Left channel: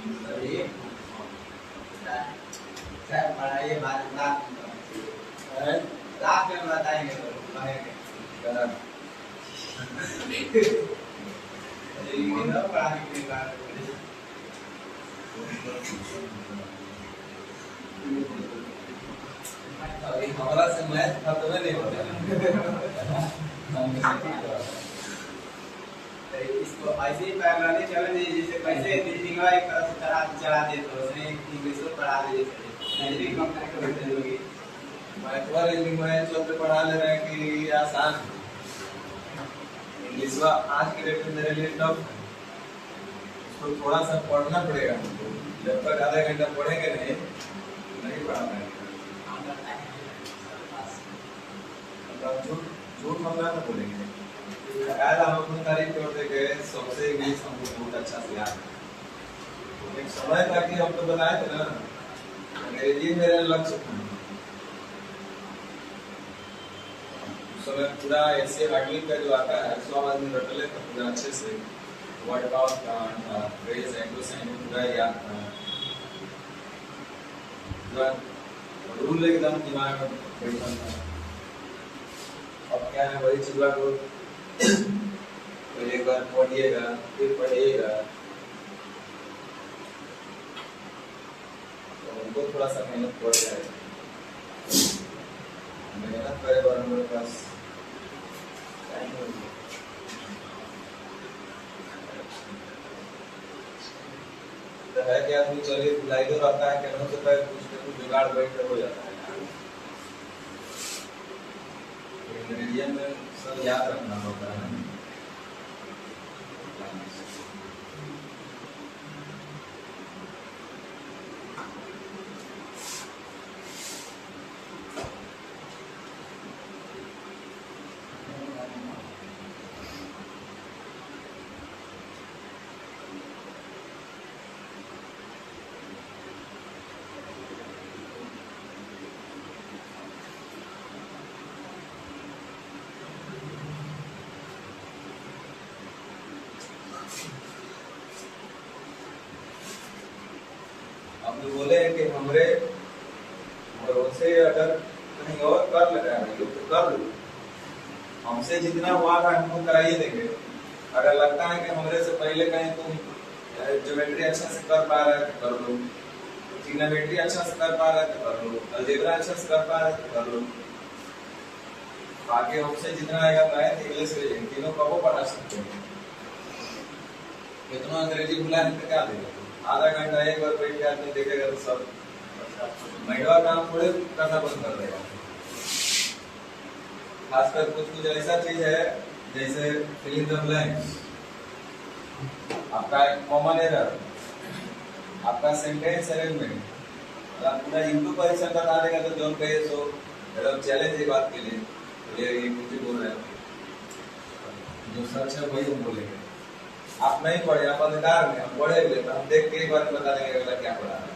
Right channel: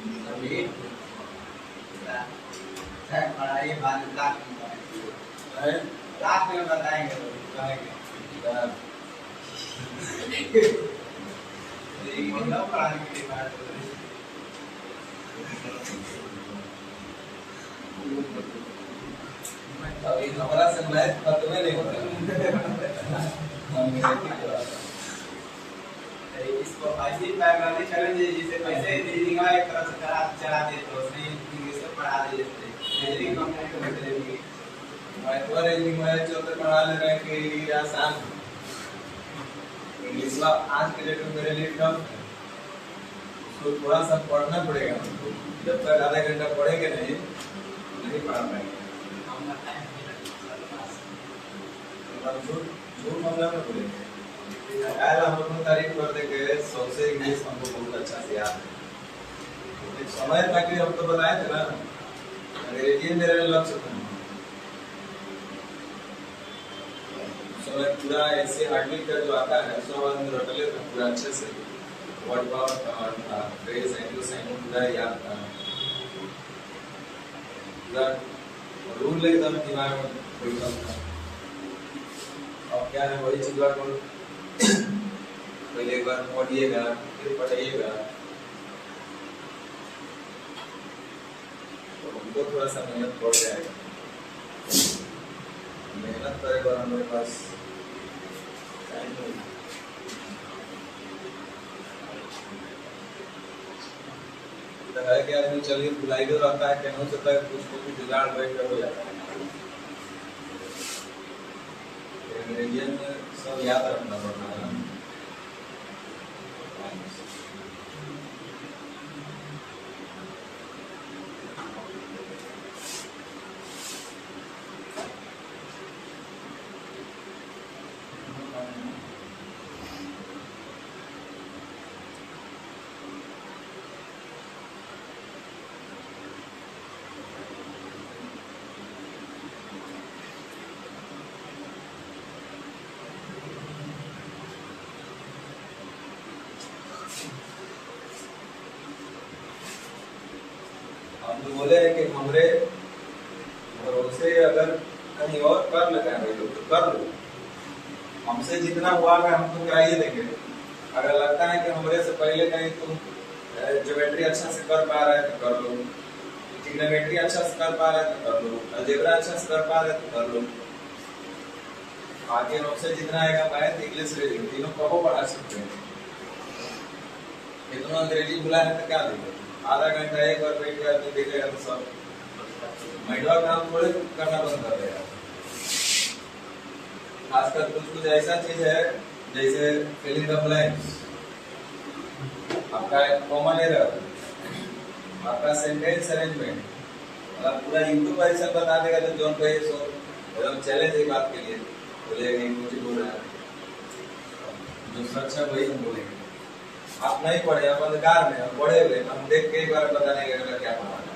अभी सर पढ़ाई बाद लाख में बताएंगे, लाख में बताएंगे तो कहेंगे लेकिन ना पढ़ाने के लिए बात अभी हमारा से मैथ खत्म नहीं होता इसको ऐसे ही पैरेलली चलन जैसे कैसे रीजनिंग का एक तरह से चला दे तो उसमें इंग्लिश को पढ़ा दे रीजनिंग कंप्लीट कर देंगे। मैथ और रीजनिंग में चलते पढ़ा ले रहे हैं कि आसान इंग्लिश का आज के डेट में मेरे लिए टफ है, उसको थोड़ा सा पढ़ना पड़ेगा। जब तक आधा घंटा पढ़ेंगे नहीं पढ़ा पाएंगे। झूठ मामला में बोलेंगे यार, हम अपनी तारीफ कर देंगे सबसे इंग्लिश हमको बहुत अच्छा से याद है। एक समय था कि हम तो बनाए थे ना, अंग्रेजी मेरा लक्ष्य था। समय पूरा ऐसे हार्डली का जो आता है 100 आदमी रटले था पूरा अच्छे से, वर्ड पावर था, फ्रेज एंड साइन पूरा याद था, पूरा रूल एकदम दिमाग में बैठा था। अब क्या है वही चीज को पहले एक बार पढ़िएगा फिर पढ़िएगा तो उनको थोड़ा सा मेहनत पड़ जाएगा। मेहनत करेगा और हमारे पास टाइम नहीं। तो है कि आदमी चलिए बुलाई दो रहता है कि से तक कुछ जुगाड़ बैठ कर हो जाता है। इंग्रेडिएंट सब याद रखना पड़ता है। हम तो बोले हैं कि हमरे भरोसे अगर कहीं और कर लगाएंगे तो कर लो, हमसे जितना हुआ है हमको कराइए देंगे। अगर लगता है कि हमरे से पहले कहीं तुम ज्योमेट्री अच्छा से कर पा रहे हैं तो कर लो, ट्रिग्नोमेट्री अच्छा से कर पा रहे हैं तो कर लो, अलजेब्रा अच्छा से कर पा रहे हैं तो कर लो। बाकी हमसे जितना आएगा मैथ इंग्लिश रीजनिंग तीनों कबो पढ़ा सकते हैं। इतना अंग्रेजी बुला है तो क्या देगा, आधा घंटा एक बार बैठ के आदमी देखेगा तो सब महिला काम थोड़े करना बंद कर देगा। खासकर कुछ ऐसा चीज है जैसे फिल इन द ब्लैंक्स, आपका कॉमन एरर, आपका सेंटेंस अरेंजमेंट, मतलब पूरा यूट्यूब पर ऐसा बता देगा तो जोन कहिए सो एकदम चैलेंज है बात के लिए। बोलिए ये कुछ बोल रहे हैं जो सच है वही हम बोलेंगे। आप नहीं पढ़े, आप अंधकार में, हम पढ़े हुए हम देख के एक बार पता नहीं लगेगा क्या पढ़ा है।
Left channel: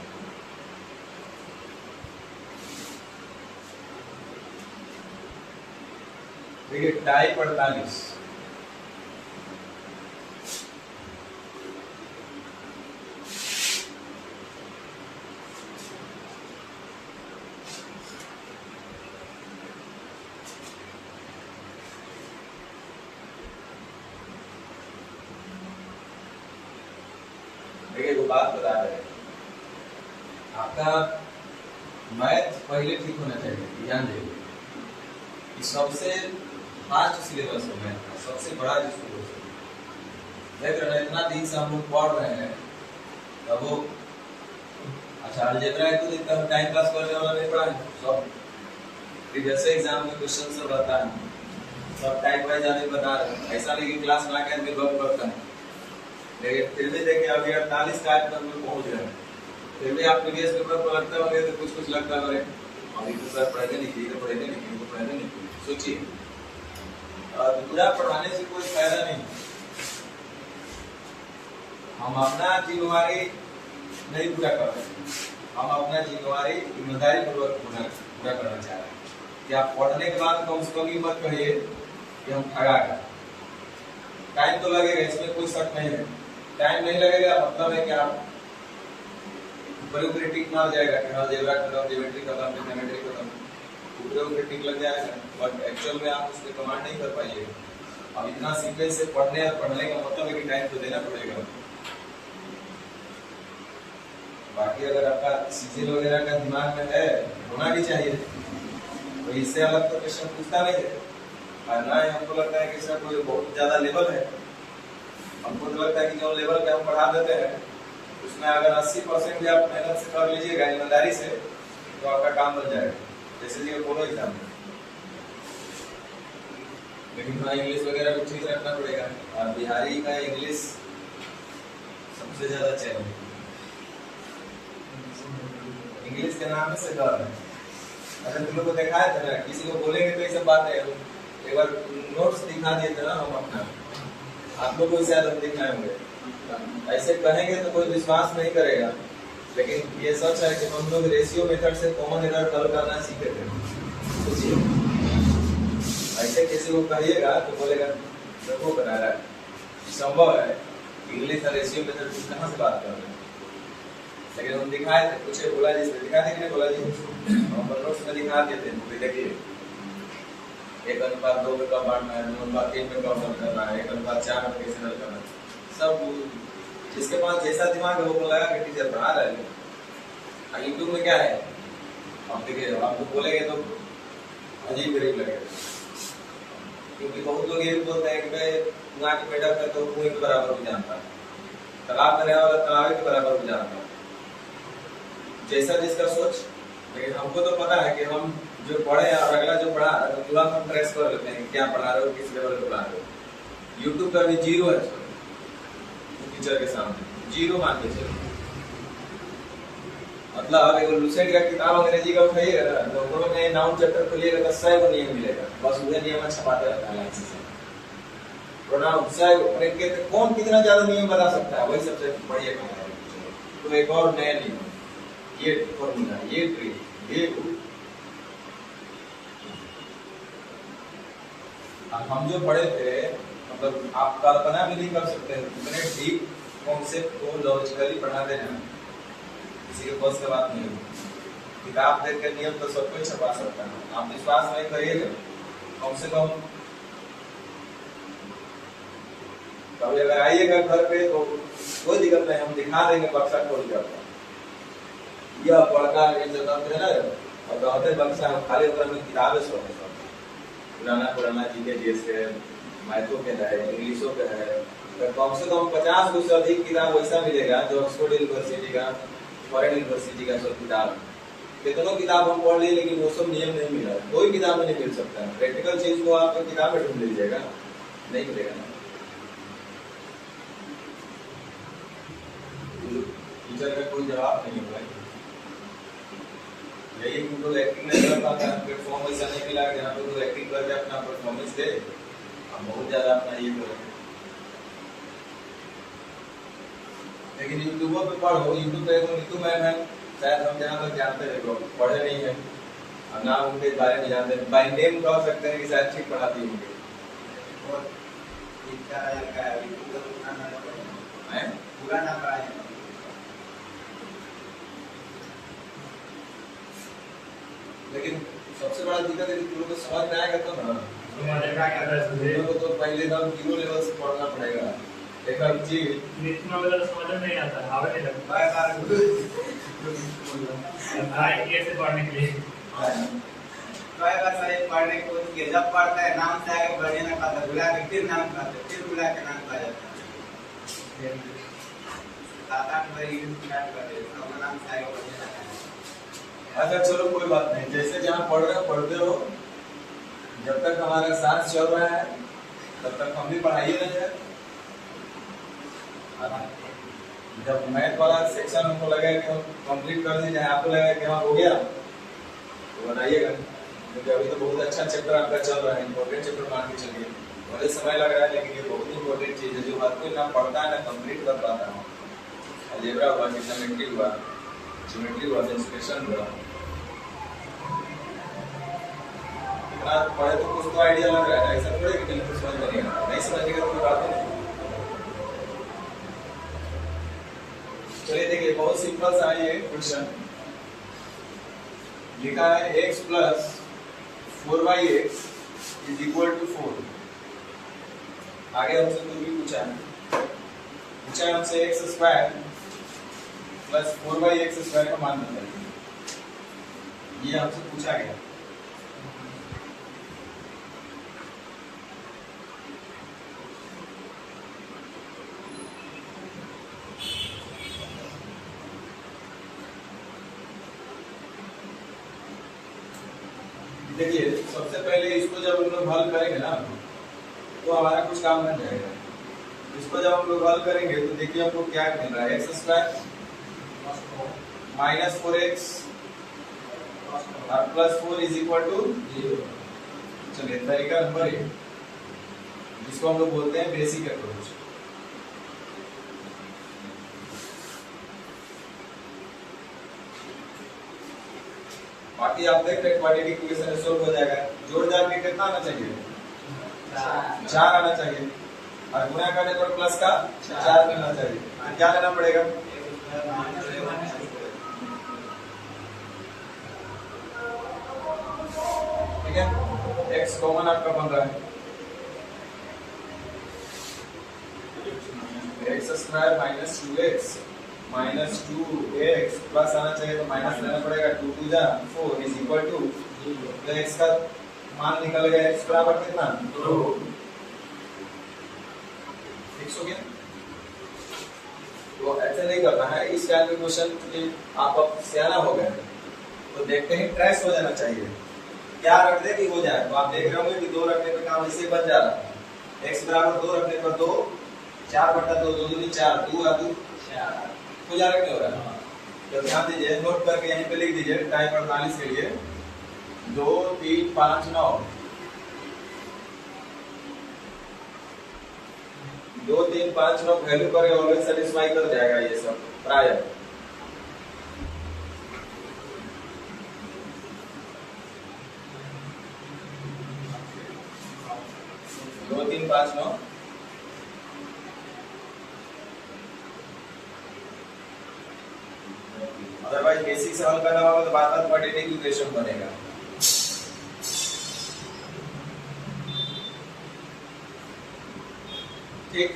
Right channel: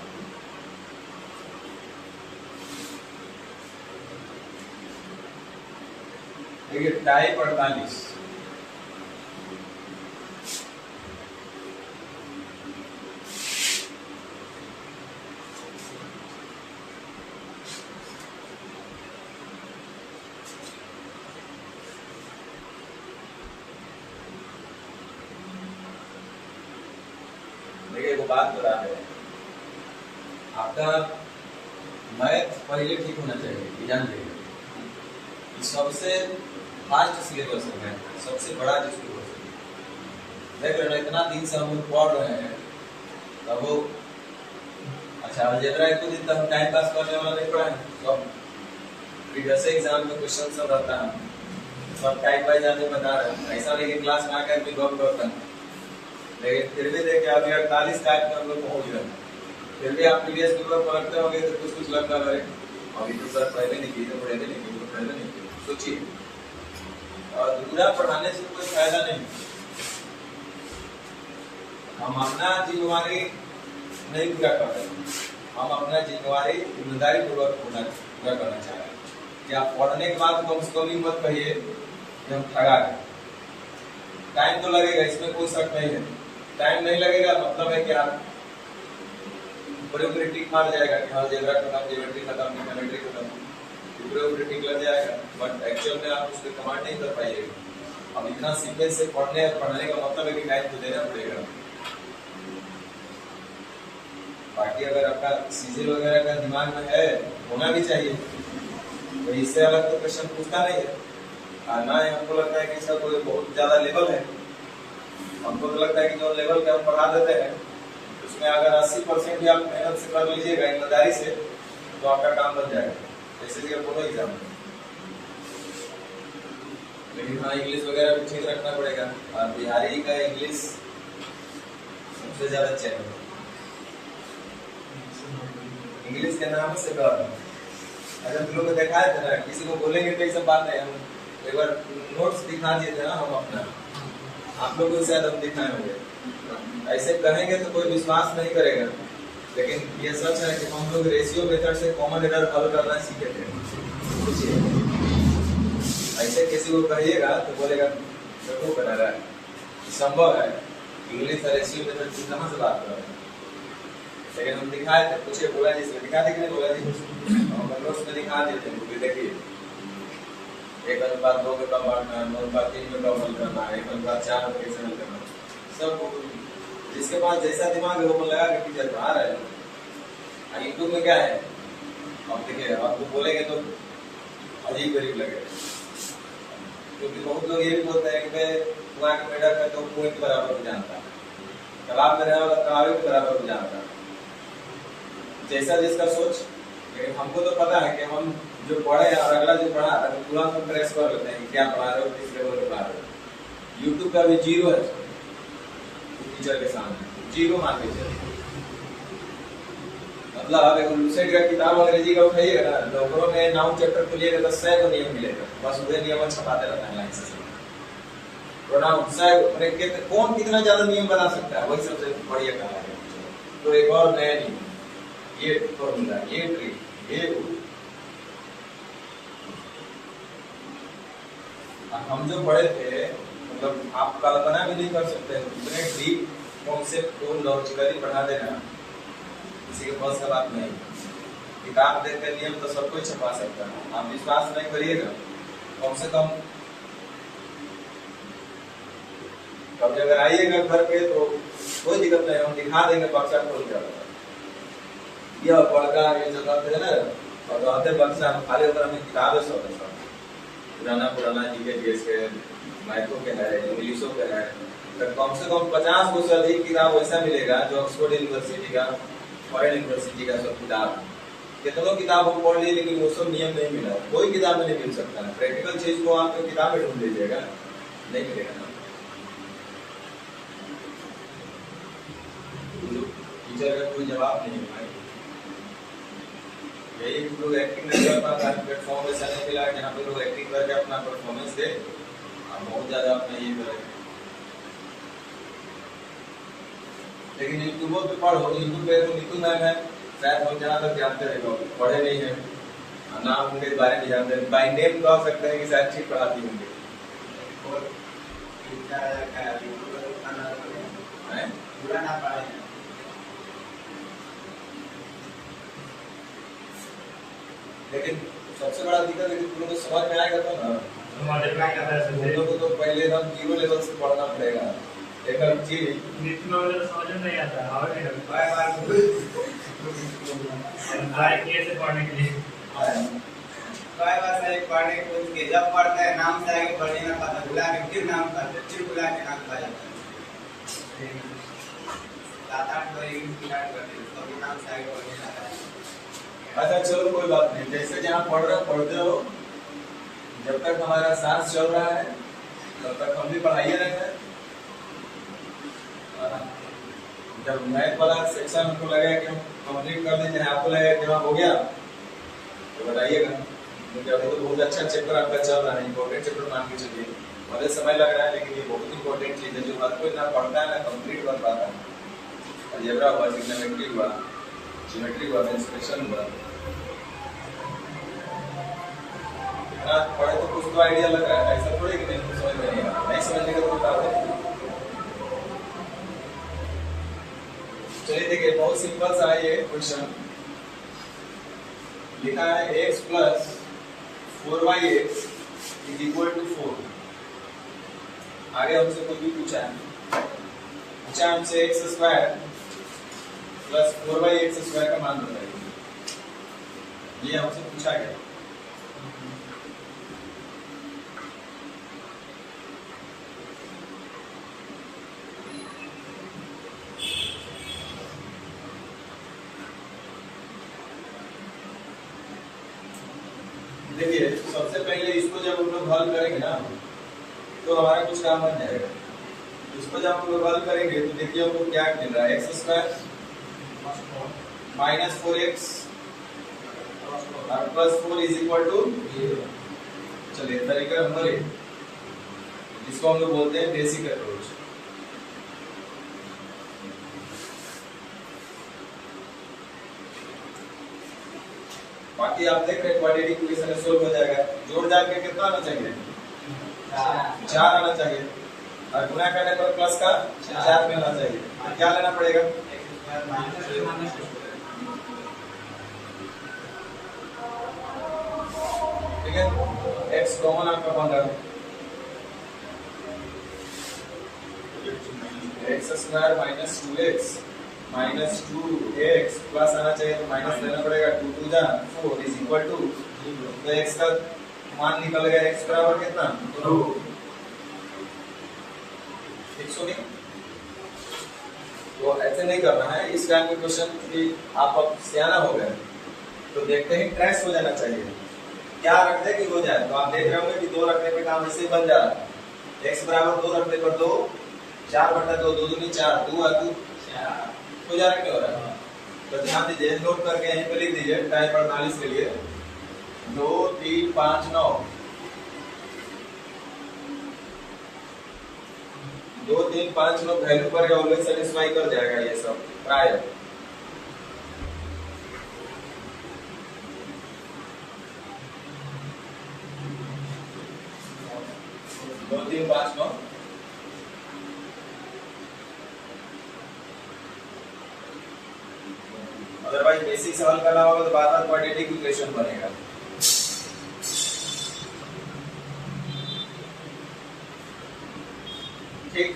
देखिए टाइप 48 देखिए वो बात बता रहे हैं, आपका मैथ पहले ठीक होना चाहिए। ध्यान देखिए सबसे फास्ट सिलेबस है मैथ, सबसे बड़ा जो सिलेबस है। देख रहे हो इतना दिन से हम लोग पढ़ रहे हैं तब वो अच्छा अलजेब्रा एक दिन तक टाइम पास करने वाला नहीं पढ़ा है। सब प्रीवियस एग्जाम में क्वेश्चन सब रहता है, सब टाइप वाइज आने बता रहे हैं। ऐसा नहीं कि क्लास में आकर भी गप करता है, लेकिन फिर भी देखिए अभी 48 टाइप में हम लोग पहुंच गए। फिर भी आप प्रीवियस पेपर पढ़ते होंगे तो कुछ लगता है अभी तो सर पहले नहीं की तो पहले नहीं की तो पहले नहीं की। सोचिए दूसरा पढ़ाने से कोई फायदा नहीं। हम अपना जिम्मेवारी नहीं पूरा कर रहे, हम अपना जिम्मेवारी ईमानदारी पूर्वक पूरा करना चाह रहे हैं। कि आप पढ़ने के बाद कम से कम ही मत कहिए कि हम ठगा गए। टाइम तो लगेगा, इसमें कोई शक नहीं है। टाइम नहीं लगेगा मतलब है क्या ऊपर ऊपर टिक मार जाएगा कि हाँ जेब्रा खत्म, ज्योमेट्री खत्म, ट्रिग्नोमेट्री खत्म, ऊपर ऊपर टिक लग जाएगा, बट एक्चुअल में आप उसको कमांड नहीं कर पाइएगा। अब इतना सीक्वेंस से पढ़ने और पढ़ने का मतलब है कि टाइम तो देना पड़ेगा। बाकी अगर आपका सीजीएल वगैरह का दिमाग में है, होना भी चाहिए, तो इससे अलग तो क्वेश्चन पूछता नहीं है। और ना ही हमको लगता है कि इसका कोई बहुत ज्यादा लेवल है। हमको तो लगता है कि जो लेवल पे हम पढ़ा देते हैं उसमें अगर 80% भी आप मेहनत से कर लीजिएगा, ईमानदारी से, तो आपका काम बन जाएगा, जैसे कि बोलो एग्जाम में। लेकिन हाँ इंग्लिश वगैरह भी ठीक रखना पड़ेगा। और बिहारी का इंग्लिश सबसे ज्यादा चैलेंज, इंग्लिश के नाम से डर है। अच्छा तुम लोग को दिखाए थे ना, किसी को बोलेंगे तो ये सब बात है। हम एक बार नोट्स दिखा दिए थे ना हम अपना, आप लोग को शायद हम दिखाए होंगे। ऐसे कहेंगे तो कोई विश्वास नहीं करेगा, लेकिन ये सच है कि हम लोग रेशियो मेथड से कॉमन एरर हल करना सीखे थे। सोचिए, ऐसे किसी को कहिएगा तो बोलेगा देखो बना रहा है, संभव है इंग्लिश और रेशियो मेथड की कहाँ से बात कर रहे हैं। लेकिन हम दिखाए थे, पूछे बोला जी से दिखा थे कि नहीं बोला जी, हम नोट्स में दिखा देते हैं। तो देखिए 1:2 में कब बांटना है, 9:3 में कब हल करना है, 1:4 में कैसे हल करना है, सब जिसके पास जैसा दिमाग है वो लगा कि टीचर पढ़ा रहे हैं। यूट्यूब में क्या है, अब देखिए आपको बोलेंगे तो अजीब गरीब लगेगा, क्योंकि बहुत लोग ये भी बोलते हैं कि भाई कुआं के मेढक है तो कुएं के बराबर को जानता है, तालाब में रहने वाला तालाब के बराबर को जानता है, जैसा जिसका सोच। लेकिन हमको तो पता है कि हम जो पढ़े और अगला जो पढ़ा तो तुरंत हम प्रेस कर लेते हैं क्या पढ़ा रहे हो, किस लेवल पे पढ़ा रहे हो। यूट्यूब पर भी 0 है टीचर के सामने, 0 मान के चलिए। मतलब एक लुसेंट का किताब अंग्रेजी का उठाइएगा ना, तो में नाउन चैप्टर खोलिएगा तो 100 नियम मिलेगा, बस वही नियम छपाते रहता है लाइन से। प्रोनाउन 100 कौन कितना ज्यादा नियम बना सकता है, वही सबसे बढ़िया काम है। तो एक और नया नियम, ये फॉर्मूला, ये ट्रिक, ये हम जो पढ़े थे, मतलब आप कल्पना भी नहीं कर सकते इतने डीप कॉन्सेप्ट को लॉजिकली पढ़ा देना किसी के बस का बात नहीं। किताब देख के नियम तो सब कोई छपा सकता है, आप विश्वास नहीं करिएगा, कम से कम कभी अगर आइएगा घर पे तो कोई दिक्कत नहीं, हम दिखा देंगे बक्सा खोल के। यह पढ़ता ये जो करते हैं ना, और कहते बक्सा खाली होकर हमें किताबें सब है, पुराना जीके जीएस के, मैथों के है, इंग्लिशों के है, तो कम से कम 50 को से अधिक किताब वैसा मिलेगा जो ऑक्सफोर्ड यूनिवर्सिटी का, फॉरेन यूनिवर्सिटी का सब किताब। कितनों किताब हम पढ़ लिए लेकिन वो सब नियम नहीं मिला, कोई किताब में नहीं मिल सकता है। प्रैक्टिकल चीज को आप किताब में ढूंढ लीजिएगा, नहीं मिलेगा ना। टीचर का कोई जवाब नहीं है। यही लोग एक्टिंग नहीं कर पाता है, प्लेटफॉर्म ऐसा नहीं मिला जहाँ पे लोग एक्टिंग करके अपना परफॉर्मेंस दे, हम बहुत ज्यादा अपना ये करें। लेकिन यूट्यूब पे पढ़ो, यूट्यूब पे तो नीतू मैम है, शायद हम जहाँ तक जानते हैं लोग पढ़े नहीं है, ना उनके बारे में जानते हैं, बाय नेम कह सकते हैं कि शायद ठीक पढ़ाती होंगे। पूरा ना पढ़ाए, लेकिन सबसे बड़ा दिक्कत है कि तुम लोग को समझ में आएगा तो ना, तुम लोग को तो पहले हम 0 लेवल से पढ़ना पड़ेगा। देखा जी इतना वाला समझ नहीं आता, हवा नहीं लगता बार बार कैसे पढ़ने के लिए सही पढ़ने को के जब पढ़ता है नाम से आगे बढ़ने ना पाता, बुला के फिर नाम पाता, फिर बुला के नाम पा जाता है। 7-8 बार इंग्लिश स्टार्ट करते हैं तब नाम से आगे बढ़ने लगता है। अच्छा चलो कोई बात नहीं, जैसे जहाँ पढ़ रहे हो पढ़ते रहो, जब तक हमारा सांस चल रहा है तब तक हम भी पढ़ाइए रहे हैं। जब मैथ वाला सेक्शन हमको लगे कि हम कंप्लीट कर दीजिए, आपको लगे कि हाँ हो गया तो बताइएगा, क्योंकि अभी तो बहुत अच्छा चैप्टर आपका चल रहा है, इंपॉर्टेंट चैप्टर मान के चलिए, भले समय लग रहा है लेकिन ये बहुत इंपॉर्टेंट चीज है जो हर कोई ना पढ़ता है ना कंप्लीट कर पाता है। अलजेब्रा हुआ, ट्रिग्नोमेट्री हुआ, ज्योमेट्री हुआ, एक्सप्रेशन हुआ, पढ़े तो कुछ तो आइडिया लग रहा है, ऐसा थोड़ी कि बिल्कुल समझ में नहीं आ रहा, नहीं समझने का कोई बात नहीं। चलिए देखिए, बहुत सिंपल सा है ये क्वेश्चन। लिखा है x plus 4y(x) is equal to 4। आगे हमसे कुछ भी पूछा है हमसे x square plus 4y(x square का मान बताइए, ये हमसे पूछा गया। देखिए, सबसे पहले इसको जब हम लोग हल करेंगे ना तो हमारा कुछ काम बन जाएगा। इसको जब हम लोग हल करेंगे तो देखिए हमको क्या मिल रहा है, एक्स स्क्वायर माइनस 4x और प्लस 4 इज इक्वल टू 0। चलिए तरीका नंबर 1, जिसको हम लोग बोलते हैं बेसिक अप्रोच। बाकी आप देख रहे हैं क्वाड्रेटिक इक्वेशन सोल्व हो जाएगा। जोड़ जाड़ के कितना आना चाहिए, 4 आना चाहिए, और गुणा करने पर प्लस का 4 मिलना चाहिए। क्या लेना पड़ेगा, ठीक है, x कॉमन आपका बन रहा है, x square minus 2x minus 2x plus आना चाहिए तो माइनस लेना पड़ेगा, 2 2 जा 4 इज इक्वल टू, तो x का मान निकल गया, x बराबर कितना 2। ठीक हो गया। तो ऐसे नहीं करना है इस टाइप के क्वेश्चन कि आप अब सियाना हो गए तो देखते ही ट्रेस हो जाना चाहिए, क्या रख दे कि हो जाए। तो आप देख रहे होंगे कि 2 रखने पे काम इससे बन जा रहा है, x बराबर 2 रखने पर 2, 4/2 2 दूनी 4, 2 आ 2 4 हो जा रहा, हो रहा है। तो ध्यान दीजिए, नोट करके यहीं पे लिख दीजिए टाइम 48 के लिए 2 3 5 9 2 3 5 9 वैल्यू पर ऑलवेज सेटिस्फाई कर जाएगा ये सब प्राय। दो 3 5 9 अदरवाइज बेसिक से हल करना होगा तो बार बार क्वाड्रेटिक इक्वेशन बनेगा। ठीक,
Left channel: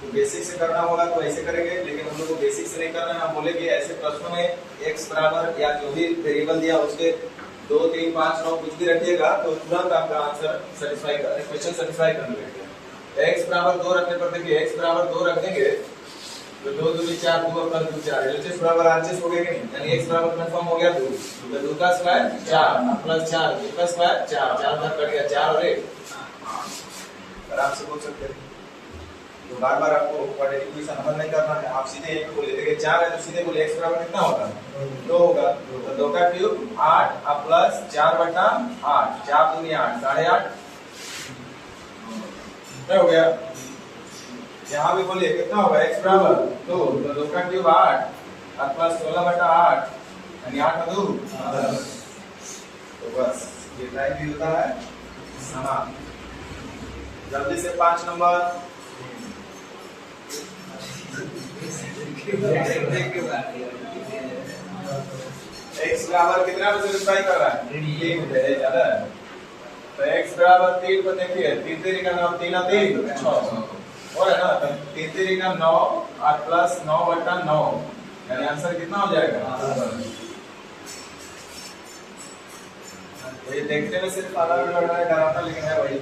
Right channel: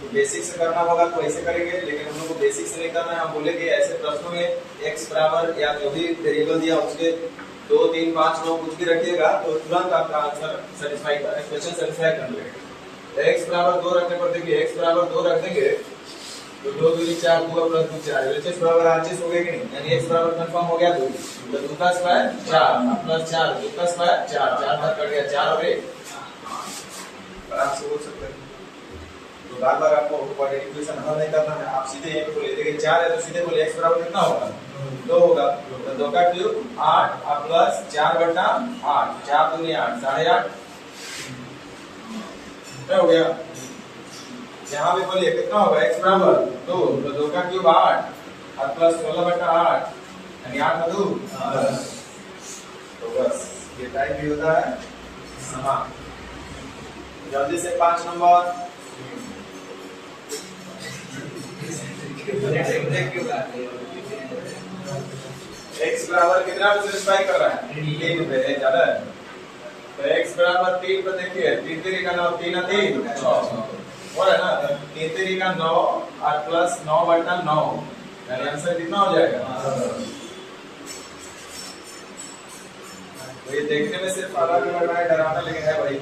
तो बेसिक से करना होगा तो ऐसे करेंगे, लेकिन हम लोग को बेसिक से नहीं करना है। हम बोले कि ऐसे प्रश्नों में x बराबर या जो भी वेरिएबल दिया उसके 2 3 5 9 कुछ भी रखिएगा तो तुरंत आपका आंसर सेटिस्फाई कर, क्वेश्चन सेटिस्फाई कर लेगा। x बराबर 2 रखने पर देखिए, x बराबर 2 रख देंगे तो 2 दूनी 4 2 प्लस 2 4 LHS बराबर RHS हो गया कि नहीं, यानी x बराबर कंफर्म हो गया 2, तो 2 का स्क्वायर 4 प्लस 4 2 का स्क्वायर 4 4 तक कट गया 4 और 1 आराम से बोल सकते हैं। तो बार बार आपको क्वाड्रेटिक इक्वेशन हल नहीं करना है, आप सीधे एक बोले देखिए 4 है तो सीधे बोले x बराबर कितना होगा 2 होगा, तो 2 का क्यूब 8 और प्लस 4/8 4 दूनी 8 8.5 क्या हो गया। यहाँ भी बोलिए कितना होगा x बराबर 2, तो 2 का क्यूब 8 और प्लस 16/8 यानी 8 और 2 10। तो बस ये टाइप भी होता है। हाँ, जल्दी से 5 नंबर x बराबर कितना पे सेटिस्फाई कर रहा है 3 पे, ज्यादा है। तो x बराबर 3 पे देखिए 3 3 का 9 3 3 6 हो रहा है ना, तो 3 3 का 9 और प्लस 9/9 यानी आंसर कितना हो जाएगा। तो ये देखने में सिर्फ अलग लग रहा है, डरावना, लेकिन है वही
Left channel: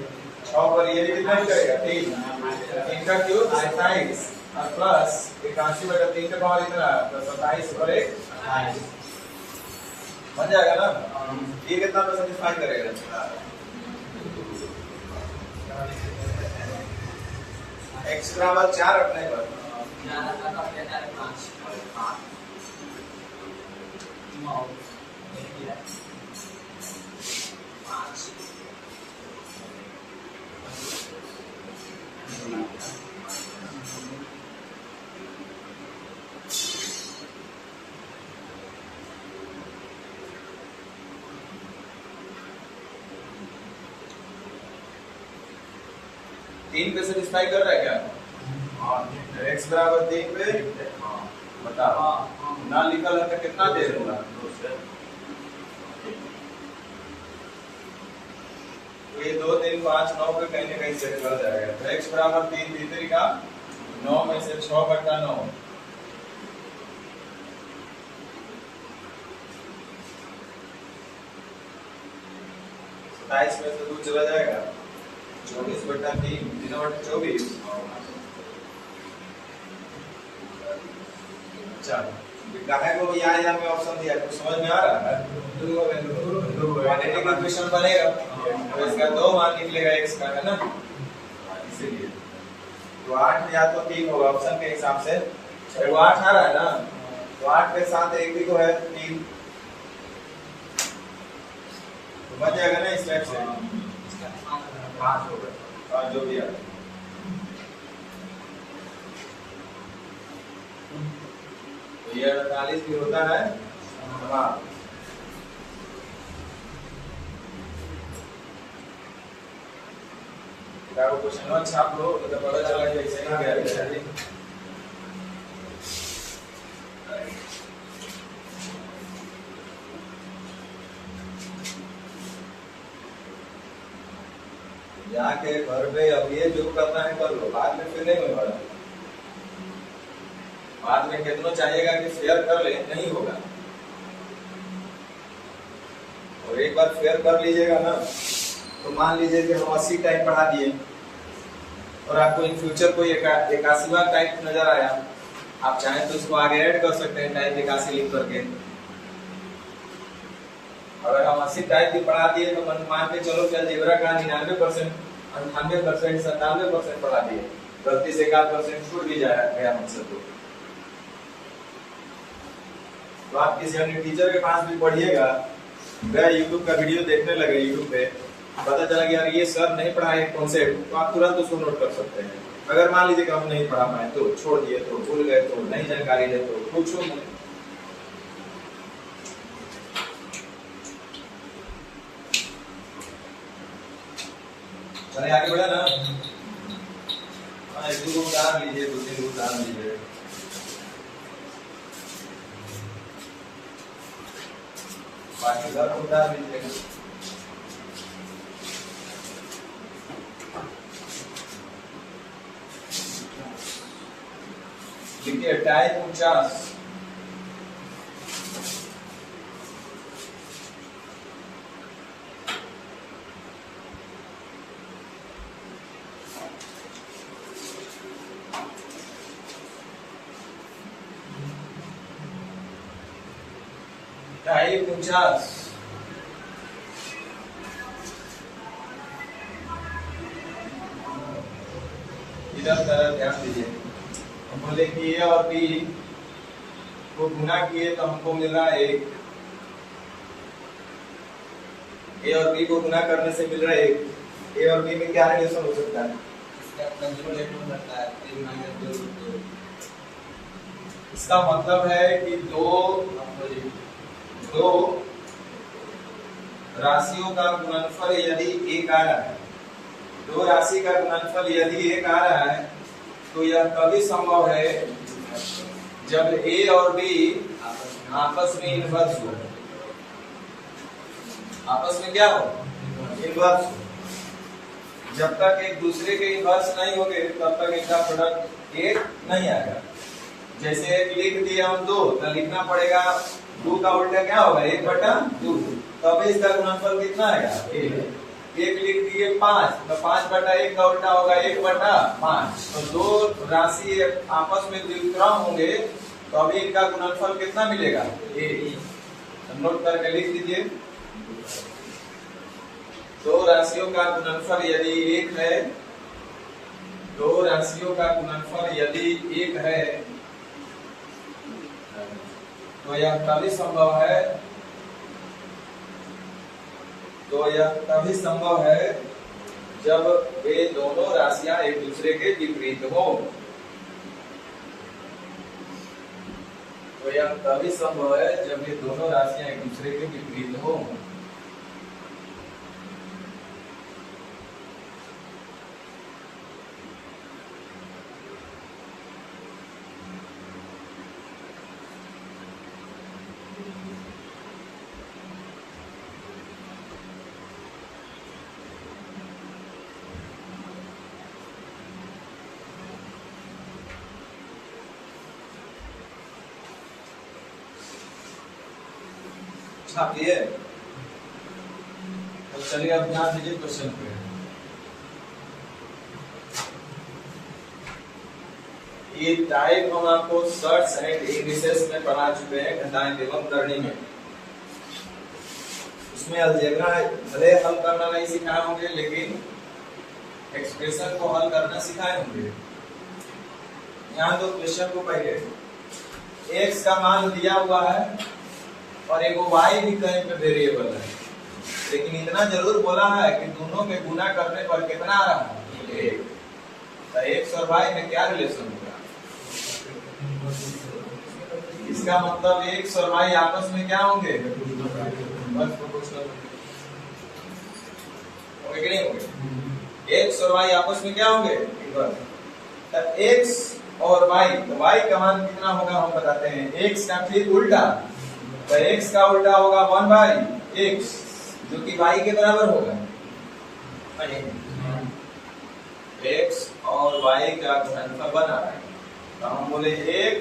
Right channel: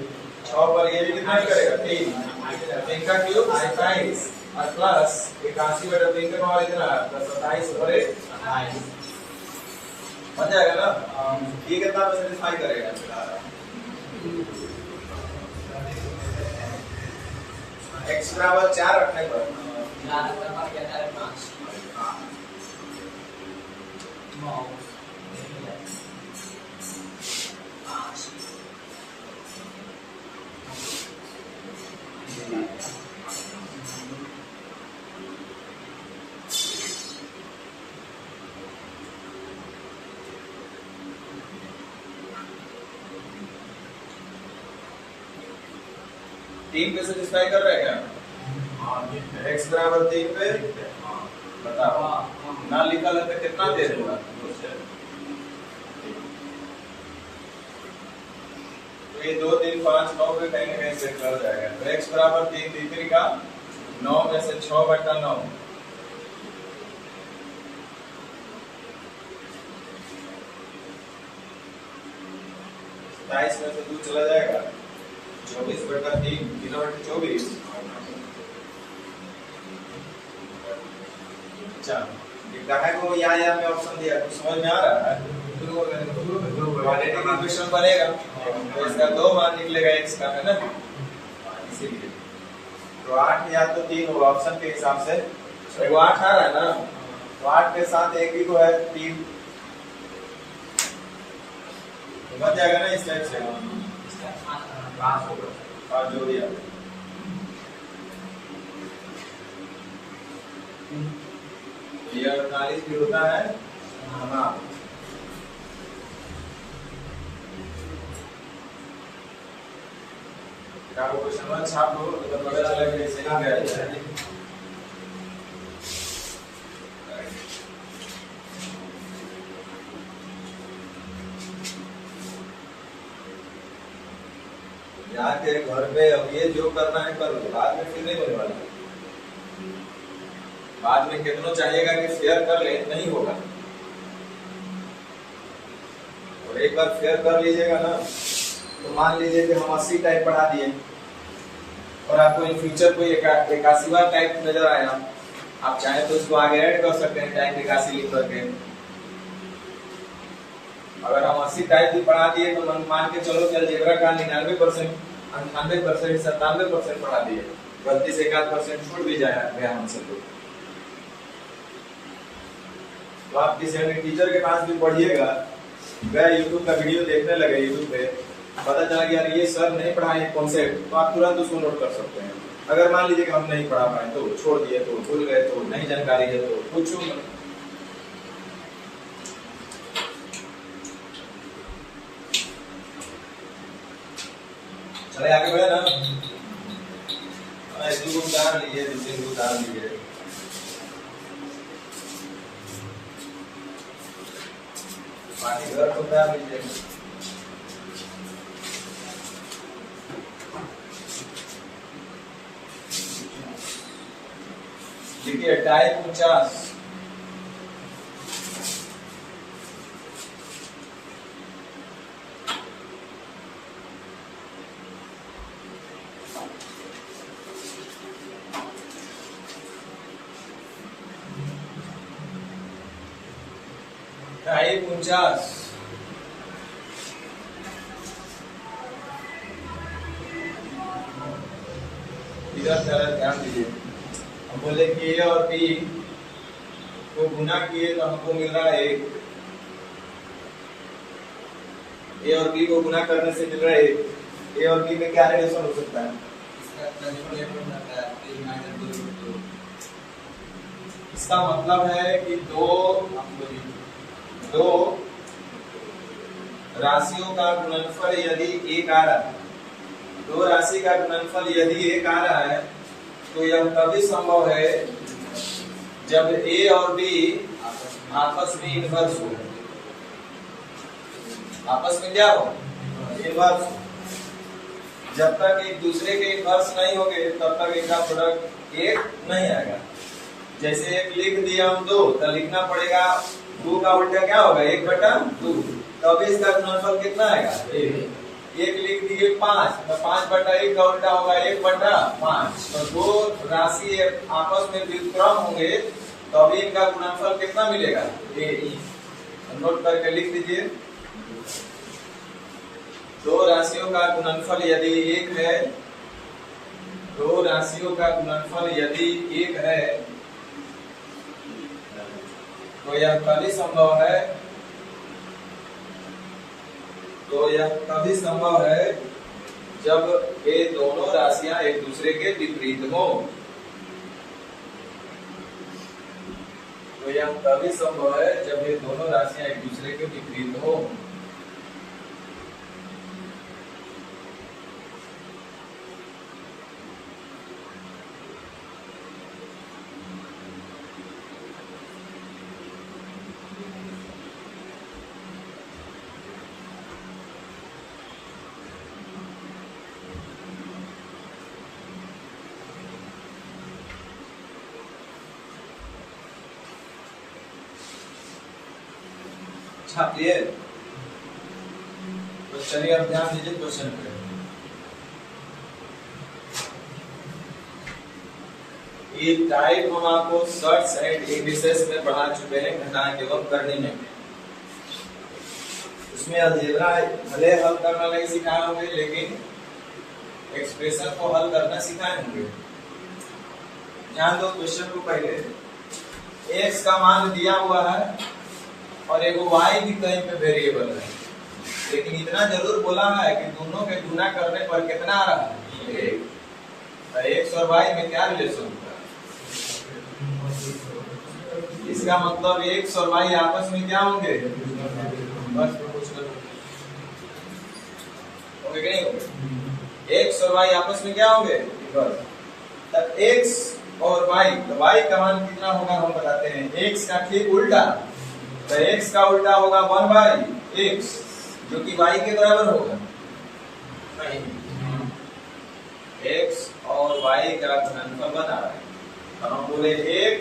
6 पर ये भी कितना ही करेगा 3 का क्यूब 27 और प्लस 81/3 का मान इतना है 27 और 1 28 बन जाएगा ना। ये कितना पे सेटिस्फाई करेगा, x बराबर 4 रखने पर 3 पे सेटिस्फाई कर रहा है क्या, x बराबर 3 पे बताओ ना लिखल है तो कितना देर होगा? तो ये 2 3 5 9 पे कहीं ना कहीं सेट कर जाएगा। तो x बराबर 3 3 का 9 में से 6/9 27 में से 2 चला जाएगा 24/3 3/24। अच्छा ये काहे को या में ऑप्शन दिया कुछ समझ में आ रहा है? क्वाड्रेटिक इक्वेशन बनेगा तो इसका 2 मान निकलेगा x का, है ना? इसीलिए तो 8 या तो 3 होगा ऑप्शन के हिसाब से। तो वो 8 आ रहा है ना, तो 8 के साथ एक भी को है 3 तो बच जाएगा ना इस टाइप से 5 होगा और जो भी है तो ये 48 भी होता है। हाँ क्या वो क्वेश्चन छाप लो तो पता चला कि ऐसे ही गया है। जाके घर पे अब ये जो करना है कर लो, बाद में फिर नहीं होने वाला। बाद में कितनों चाहिएगा कि फेयर कर ले, नहीं होगा। और एक बार फेयर कर लीजिएगा ना तो मान लीजिए कि हम 80 टाइप बढ़ा दिए और आपको इन फ्यूचर कोई 81वां टाइप नजर आया, आप चाहें तो इसको आगे ऐड कर सकते हैं टाइप 81 लिख करके। अगर हम 80 टाइप भी बढ़ा दिए तो मान के चलो कि अलजेब्रा का 99%, 98%, 97% बढ़ा दिए, गलती से 1% छूट भी गया हमसे तो आप किसी अन्य टीचर के पास भी पढ़िएगा, गया यूट्यूब का वीडियो देखने लगे, यूट्यूब पे पता चला कि यार ये सर नहीं पढ़ाए कॉन्सेप्ट, तो आप तुरंत उसको नोट कर सकते हैं। अगर मान लीजिए कि हम नहीं पढ़ा पाए तो छोड़ दिए, तो भूल गए, तो नहीं जानकारी है तो पूछो मत। चले आगे बढ़े ना। हाँ 2 उदाहरण लीजिए, 2 3 उदाहरण लीजिए। बाकी घर को उदाहरण लीजिए। देखिए टाइप 49 टाइप 49 इधर ध्यान दीजिए। हम बोले कि ए और बी को गुना किए तो हमको मिल रहा है 1। ए और बी को गुना करने से मिल रहा है 1। ए और बी में क्या रिलेशन हो सकता है? इसका मतलब है कि दो राशियों का गुणनफल यदि 1 आ रहा है, 2 राशि का गुणनफल यदि 1 आ रहा है तो यह तभी संभव है जब ए और बी आपस में इनवर्स हो। आपस में क्या हो? इनवर्स। जब तक एक दूसरे के इनवर्स नहीं होंगे तब तक इनका प्रोडक्ट 1 नहीं आएगा। जैसे लिख दिया हम 2 तो लिखना पड़ेगा 2 का उल्टा क्या होगा? 1/2, तभी इसका गुणनफल कितना आएगा? 1 लिख दिए 5 तो 5/1 का उल्टा होगा 1/5। तो 2 राशि आपस में व्युत्क्रम होंगे तो अभी इनका गुणनफल कितना मिलेगा? 1। नोट करके लिख दीजिए। 2 राशियों का गुणनफल यदि 1 है, 2 राशियों का गुणनफल यदि 1 है तो यह तभी संभव है, जब ये दोनों राशियां एक दूसरे के विपरीत हो। तो यह तभी संभव है जब ये दोनों राशियां एक दूसरे के विपरीत हो। छाप लिए? तो चलिए अब ध्यान दीजिए क्वेश्चन पे। ये टाइप हम आपको सर्ट्स एंड इंडिसेस में पढ़ा चुके हैं घटाएं एवं करने में। उसमें अलजेब्रा भले हल करना नहीं सिखाए होंगे, लेकिन एक्सप्रेशन को हल करना सिखाए होंगे। ध्यान दो क्वेश्चन को पहले। x का मान दिया हुआ है और एगो y भी कहीं पे वेरिएबल है, लेकिन इतना जरूर बोला है कि दोनों के गुना करने पर कितना आ रहा है? तो x और y में क्या रिलेशन होगा? इसका मतलब x और y आपस में क्या होंगे? बस प्रोपोर्शनल होंगे कि नहीं होंगे? x और y आपस में क्या होंगे? इक्वल। तब x और y, तो y का मान कितना होगा हम बताते हैं। x का ठीक उल्टा, तो x का उल्टा होगा 1/x, जो कि y के बराबर होगा नहीं। x और y का गुणनफल बना है, तो हम बोले x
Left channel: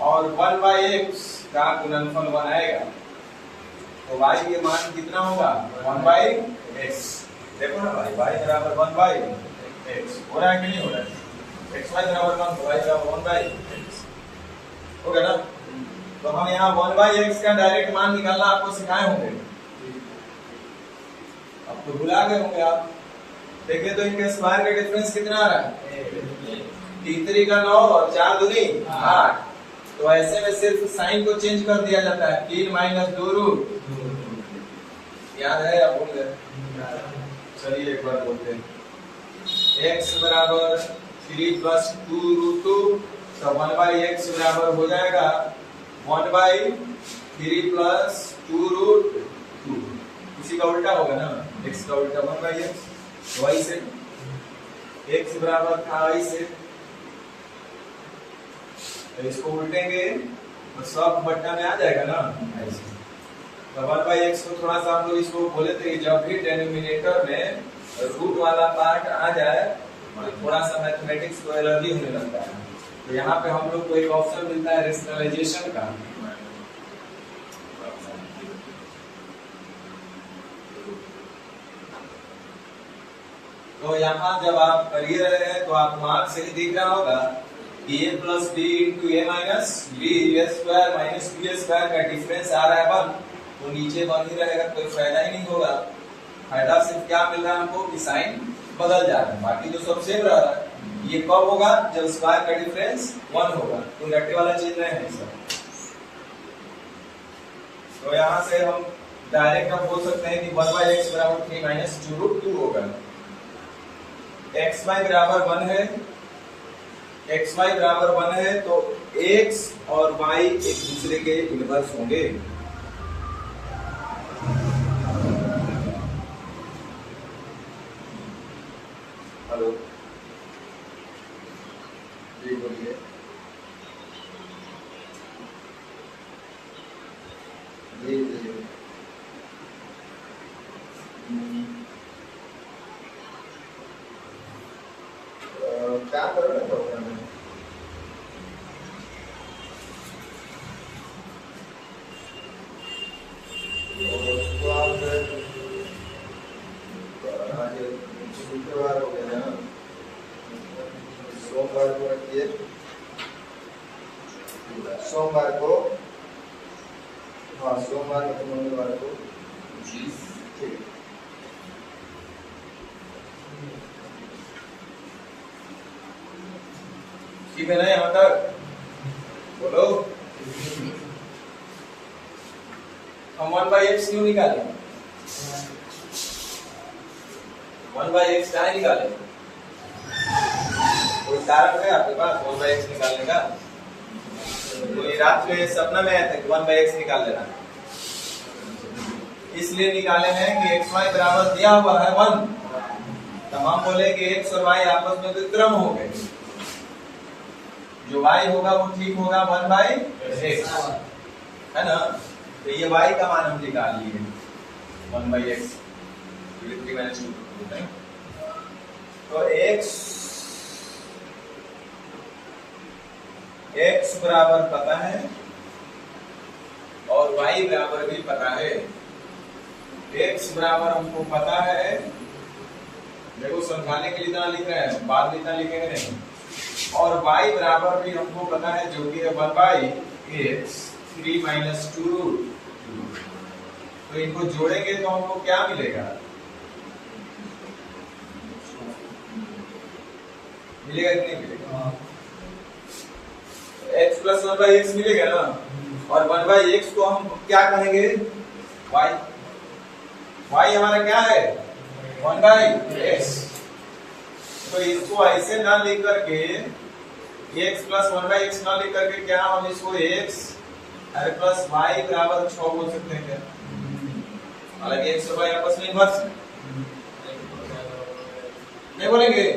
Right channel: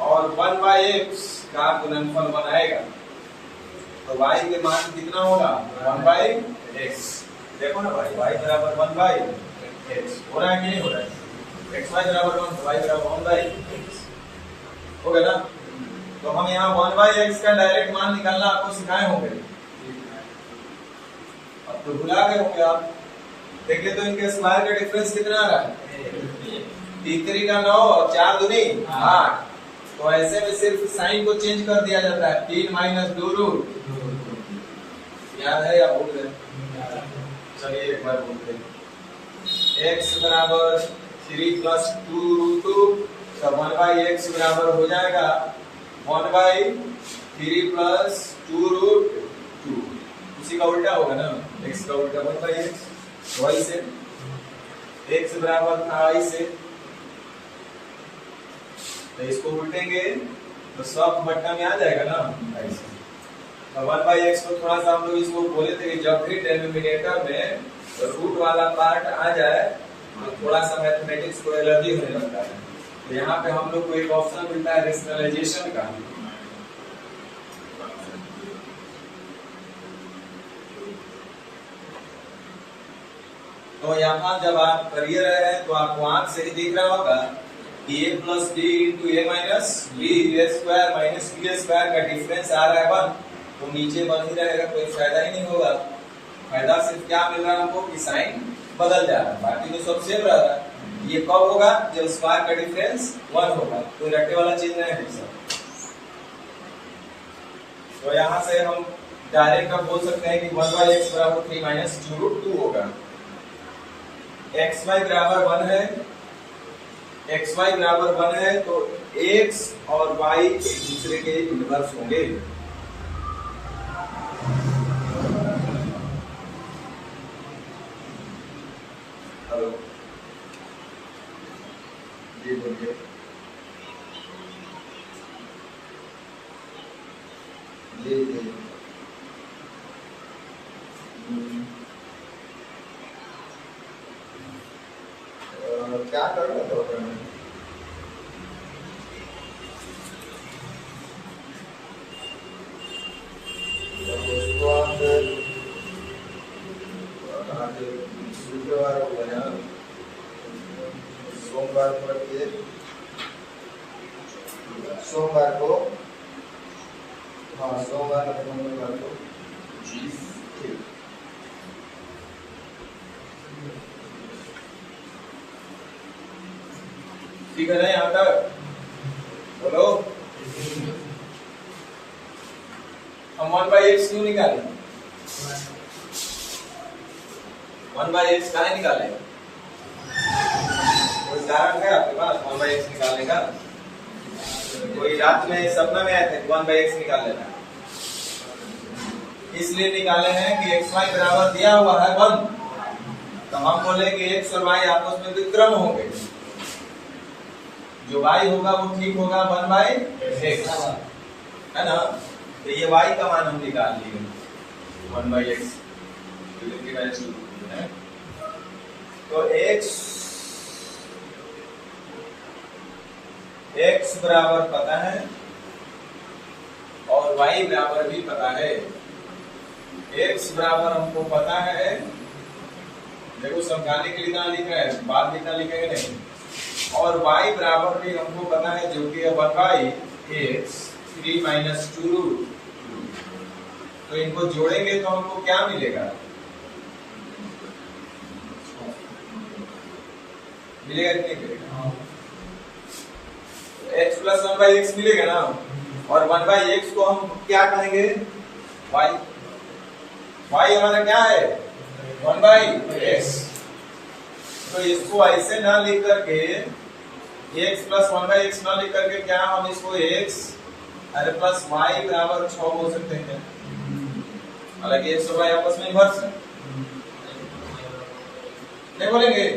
और 1/x का गुणनफल बनाएगा, तो y के मान कितना होगा? 1/x। देखो ना भाई, y बराबर 1/x हो रहा है कि नहीं हो रहा है? x y बराबर 1, y बराबर 1/x हो गया ना। तो हम यहाँ 1/x का डायरेक्ट मान निकालना आपको सिखाए होंगे। अब तो भुला गए होंगे आप। देखिए तो इनके स्क्वायर का डिफरेंस कितना आ रहा है? 3 3 का 9 और 4 दूनी 8। तो ऐसे में सिर्फ साइन को चेंज कर दिया जाता है। 3 - 2 रूट। याद है या भूल गए? चलिए एक बार बोलते हैं। x बराबर 3 + 2 √2, तो 1/x बराबर हो जाएगा 1/3 + 2 √2। उसी का उल्टा होगा ना, x का उल्टा 1/x। y से x बराबर था y से, तो इसको उल्टेंगे तो सब बट्टा में आ जाएगा ना ऐसे। तो 1/x को थोड़ा सा हम लोग इसको बोले थे, जब भी डिनोमिनेटर में रूट वाला पार्ट आ जाए तो थोड़ा सा मैथमेटिक्स को एलर्जी होने लगता है। तो यहाँ पे हम लोग को एक ऑप्शन मिलता है रेशनलाइजेशन का। तो यहाँ जब आप करिए रहे हैं तो आपको आंख से ही दिख रहा होगा कि a + b × a - b a² - b² का डिफरेंस आ रहा है 1, तो नीचे 1 ही रहेगा, कोई फायदा ही नहीं होगा। फायदा सिर्फ क्या मिल रहा है हमको कि साइन बदल जा रहा है, बाकी तो सब सेम रह रहा है। ये कब होगा? जब स्क्वायर का डिफरेंस 1 होगा। कोई रट्टे वाला चीज नहीं है सब। तो यहाँ से हम डायरेक्ट अब बोल सकते हैं कि 1/x बराबर 3 - 2 √2 होगा। xy बराबर 1 है, xy बराबर 1 है, तो x और y एक दूसरे के इनवर्स होंगे। हेलो जी बोलिए। जी जी क्या कर रहे हो? शुक्रवार हो गया, सोमवार को रखिए। सोमवार को, हाँ सोमवार मंगलवार को जी ठीक। ठीक है ना यहाँ तक? बोलो। हम 1/x क्यों निकाले? 1/x कहाँ निकाले? कोई कारण है आपके पास 1/x निकालने का? कोई रात में सपना में आया था 1/x निकाल लेना, इसलिए निकाले हैं कि xy बराबर दिया हुआ है 1, तो हम बोले कि x और y आपस में विक्रम होंगे। जो y होगा वो ठीक होगा 1/x, है ना। तो ये y का मान हम निकाल लिए 1/x। तो x बराबर पता है और y बराबर भी पता है। x बराबर हमको पता है, देखो समझाने के लिए इतना लिख रहे हैं, बाद में इतना लिखेंगे नहीं। और y बराबर भी हमको पता है जो कि है 1/x 3 - 2 रूट। तो इनको जोड़ेंगे तो हमको क्या मिलेगा? मिलेगा कि नहीं मिलेगा? x + 1/x मिलेगा ना, और 1/x को हम क्या कहेंगे? y। y हमारा क्या है? 1/x। तो इसको ऐसे ना लिख करके x + 1/x ना लिख करके क्या हम इसको x + y बराबर 6 बोल सकते हैं क्या? हालांकि x और y आपस में इन्वर्स है, क्या बोलेंगे?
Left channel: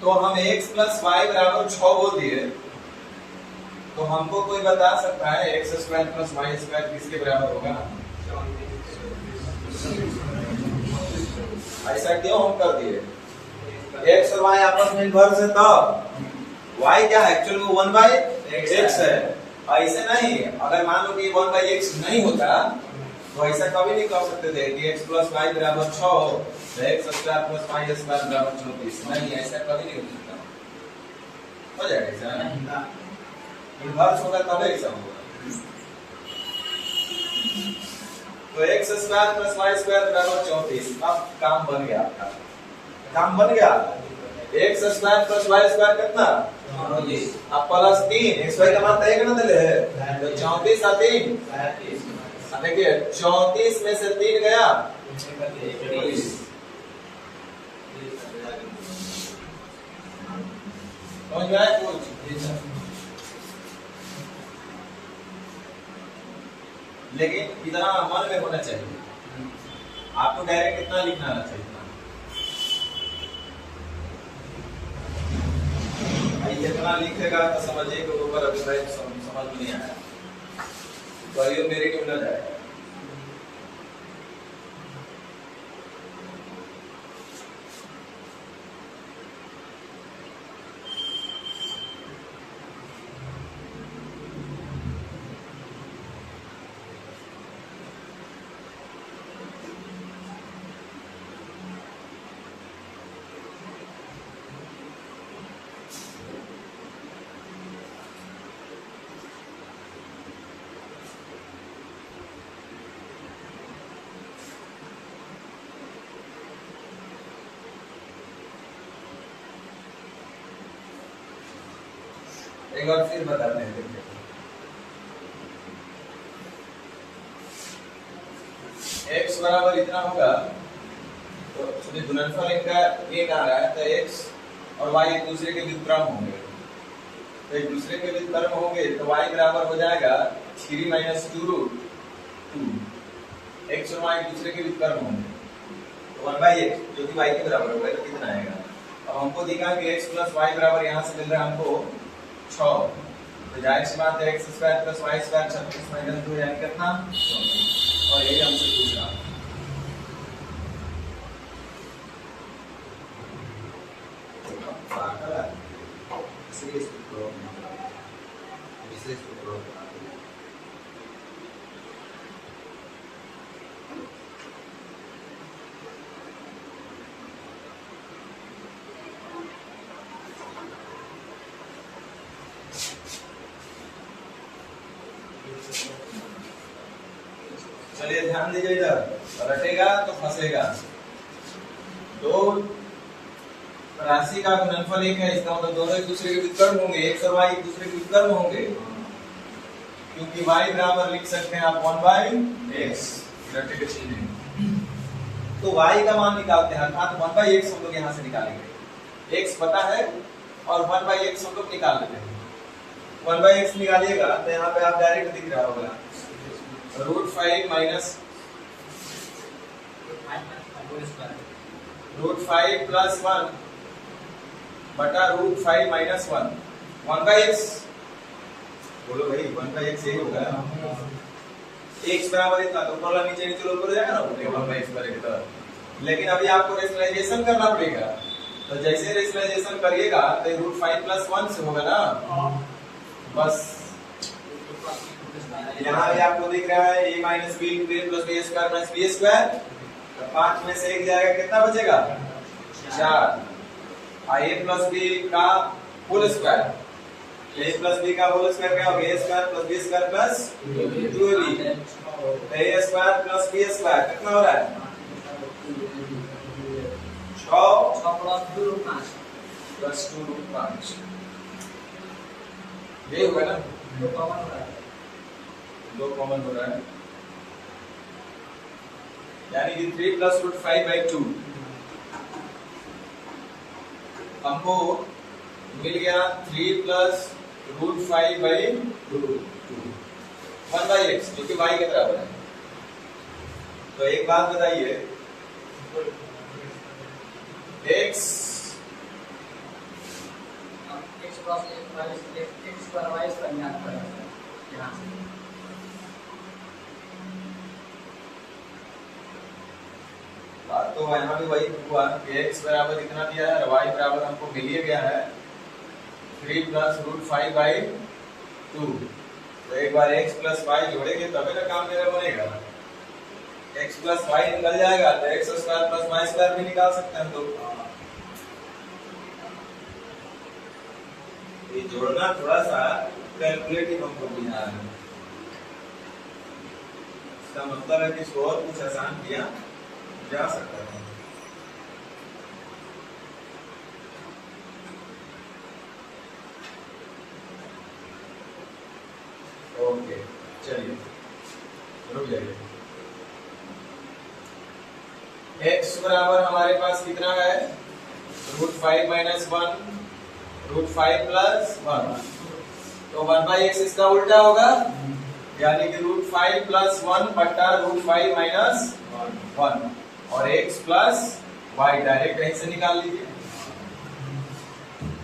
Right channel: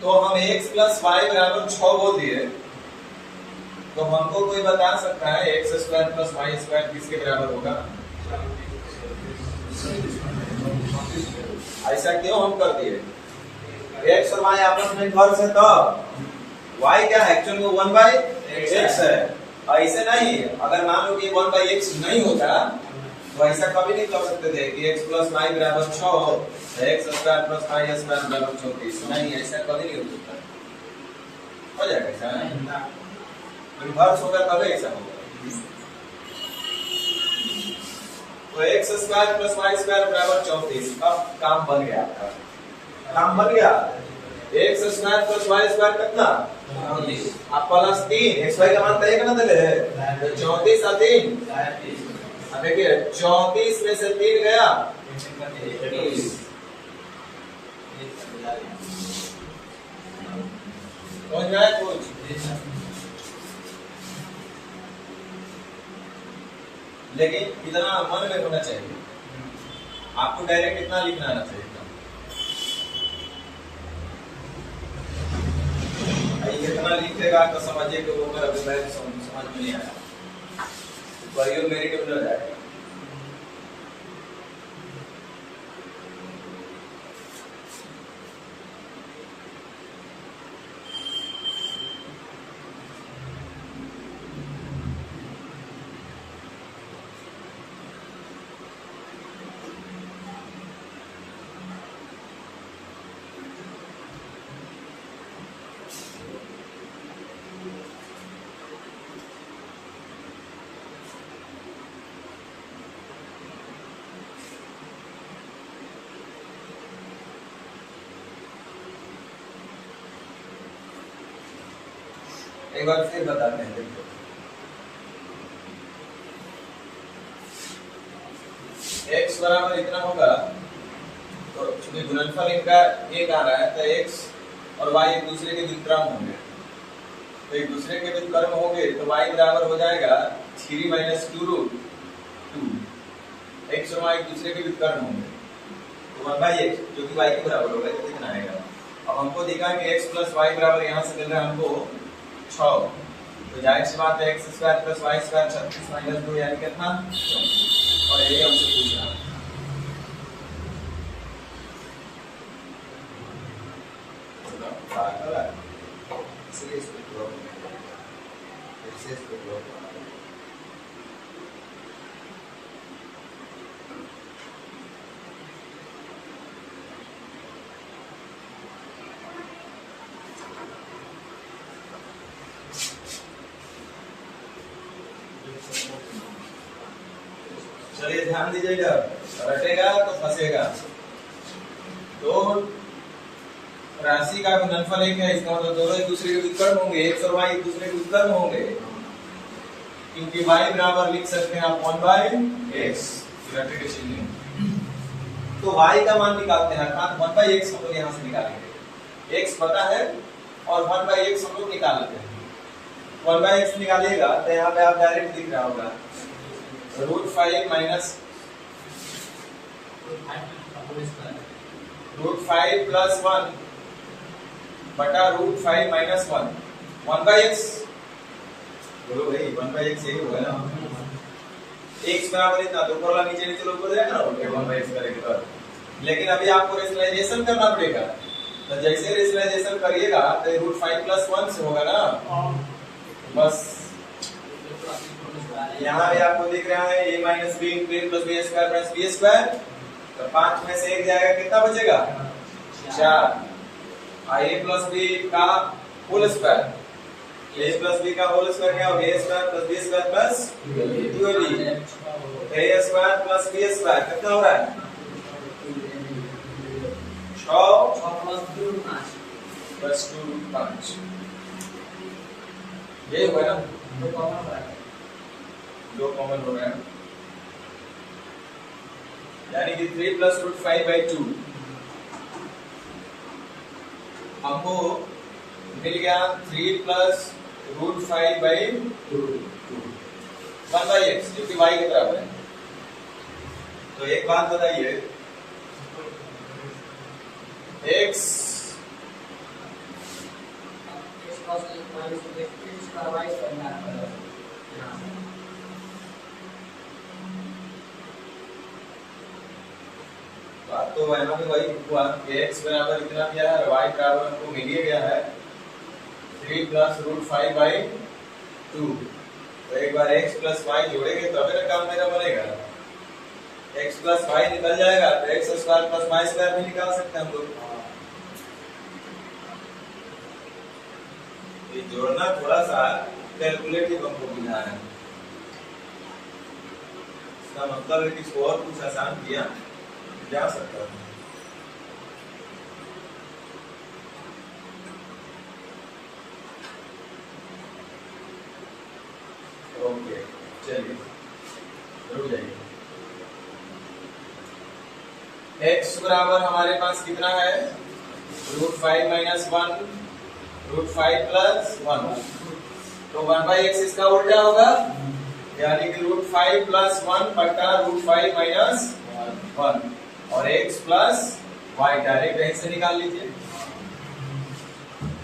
तो हम x + y बराबर 6 बोल दिए, तो हमको कोई बता सकता है x² + y² किसके बराबर होगा? ऐसा क्यों हम कर दिए? x और y आपस में इन्वर्स है, तब y क्या है? एक्चुअल में 1/x है। ऐसे नहीं, अगर मान लो कि 1/x नहीं होता तो ऐसा कभी नहीं कर सकते थे कि x + y बराबर 6 हो, x² + y² बराबर 34। नहीं, ऐसा कभी नहीं हो सकता। हो जाएगा ऐसा नहीं, इन्वर्स होगा तब ऐसा होगा। तो x² + y² बराबर 34। अब काम बन गया आपका, काम बन गया। x² + y² कितना? अब +3, xy का मान तय करना चले, तो 34 और 3 देखिए 34 में से 3 गया 23। समझ में आया कुछ? लेकिन इतना मन में होना चाहिए, आपको डायरेक्ट इतना लिखना आना चाहिए। इतना लिखेगा तो समझिए कि ऊपर अभी समझ में नहीं आया, तो मेरे के न जाए। एक बार फिर बताते हैं, x बराबर इतना होगा, तो चूंकि गुणनफल इनका एक आ रहा है तो x और y एक दूसरे के व्युत्क्रम होंगे, तो एक दूसरे के व्युत्क्रम होंगे तो y बराबर हो जाएगा 3 - 2 रूट 2। x और y एक दूसरे के व्युत्क्रम होंगे तो 1/x जो कि y के बराबर होगा, तो कितना आएगा? अब हमको देखा कि x + y बराबर यहाँ से मिल रहा है हमको 6, तो जाहिर सी बात है x² + y² 36 - 2 यानी कितना? और यही हमसे पूछ रहा है। चलिए ध्यान दीजिए, इधर रटेगा तो फंसेगा। तो राशि का गुणनफल एक है, इसका मतलब दोनों एक दूसरे के व्युत्क्रम होंगे, x और y एक दूसरे के व्युत्क्रम होंगे, क्योंकि y बराबर लिख सकते हैं आप 1/x, रटे के चिन्ह। तो y का मान निकालते हैं, अर्थात 1/x हम लोग यहाँ से निकालेंगे। x पता है और 1/x हम लोग निकाल लेते हैं। 1/x निकालिएगा तो यहाँ पे आप डायरेक्ट दिख रहा होगा √5 +1 बटा √5 - 1 1/x। बोलो भाई 1/x यही होगा ना, x बराबर इतना, तो ऊपर नीचे नीचे ऊपर जाएगा ना, 1/x करेंगे तो। लेकिन अभी आपको रेशनलाइजेशन करना पड़ेगा, तो जैसे रेशनलाइजेशन करिएगा तो रूट 5 प्लस 1 से होगा ना, बस यहाँ भी आपको दिख रहा है a minus b into a plus b square minus b square, तो 5 में से 1 जाएगा, कितना बचेगा 4, a प्लस बी का whole square, a plus b का होल स्क्वायर क्या होगा, a square plus b square plus 2ab, तो a square plus b square कितना हो रहा है 6 प्लस 2 रूट 5, ये हुआ ना, 2 कॉमन हो रहा है, यानी कि 3 प्लस रूट 5/2 हमको मिल गया 3 प्लस रूट 5/2 1/x, जो कि y के बराबर है। तो एक बात बताइए, x बात तो यहाँ भी वही हुआ कि x बराबर इतना दिया है और y बराबर हमको मिल ही गया है 3 प्लस रूट 5/2। तो एक बार x प्लस y जोड़ेंगे तभी ना काम मेरा बनेगा, x प्लस y निकल जाएगा तो x square plus y square भी निकाल सकते हैं हम लोग। ये जोड़ना थोड़ा सा कैलकुलेटिव हमको बुझा है, इसका मतलब है कि इसको और कुछ आसान किया जा सकता है। ओके चलिए रुक जाइए, x बराबर हमारे पास कितना है रूट 5 माइनस 1 रूट 5 प्लस 1, तो 1/x इसका उल्टा होगा, यानी कि रूट 5 प्लस 1 बटा रूट 5 माइनस 1, और x प्लस y डायरेक्ट यहीं से निकाल लीजिए,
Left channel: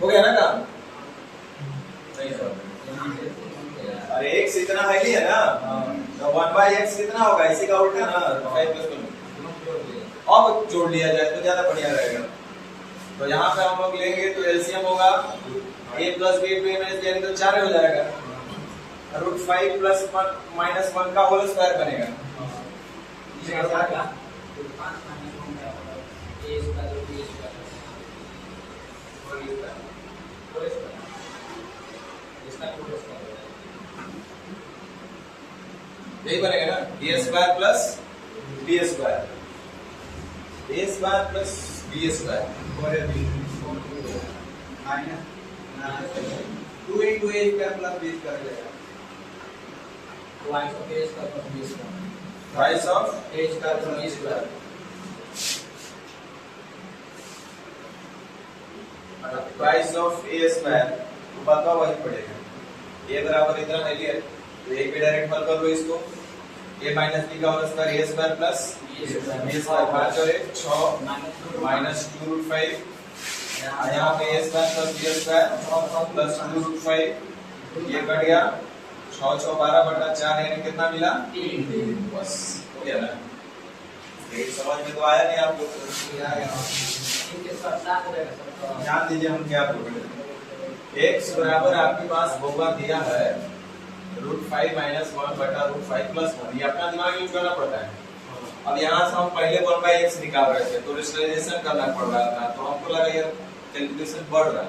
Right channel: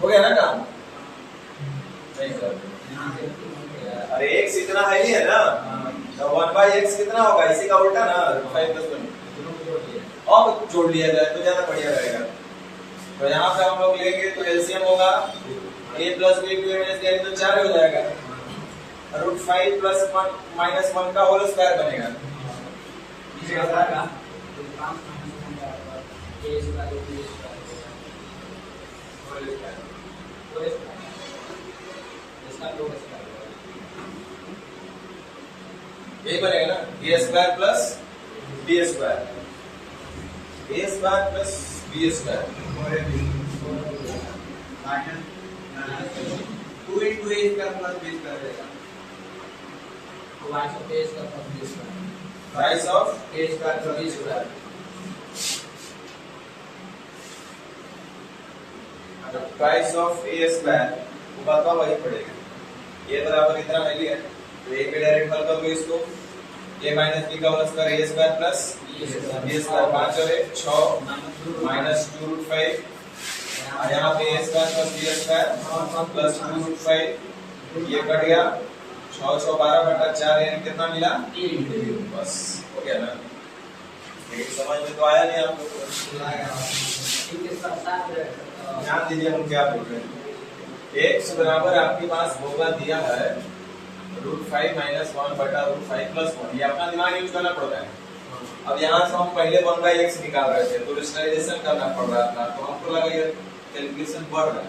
हो गया ना काम, नहीं सर अरे x इतना है ही है ना, तो 1/x कितना होगा, इसी का उल्टा ना 5 प्लस 1, अब जोड़ लिया जाए तो ज्यादा बढ़िया रहेगा। तो यहाँ पे हम लोग लेंगे तो एलसीएम होगा a plus b to a minus यानी तो 4 हो जाएगा, रूट 5 प्लस 1 माइनस 1 का होल स्क्वायर बनेगा, यही बनेगा ना a square plus b square, a square plus b square minus 2 into a square plus b square रहेगा, rice of a square plus b square, price of a square वो बात वही पड़ेगा, a बराबर इतना ले लिया तो a पे डायरेक्ट हल कर लो इसको, a माइनस b का whole square a square plus b square 5 और 1 6 माइनस 2 रूट 5, यहाँ पे a square plus b square plus 2 root 5, ये कट गया 6 6 12 बटा 4 यानी कितना मिला 3, बस हो गया ना। लेकिन समझ में तो आया नहीं आप लोग को, ध्यान दीजिए हम क्या बोल रहे हैं, x बराबर आपके पास होगा दिया है रूट 5 माइनस 1 बटा रूट 5 प्लस 1, ये अपना दिमाग यूज करना पड़ता है। अब यहाँ से हम पहले 1/x निकाल रहे थे तो रेशनलाइजेशन करना पड़ रहा था, तो हमको लगा ये कैलकुलेशन बढ़ रहा है,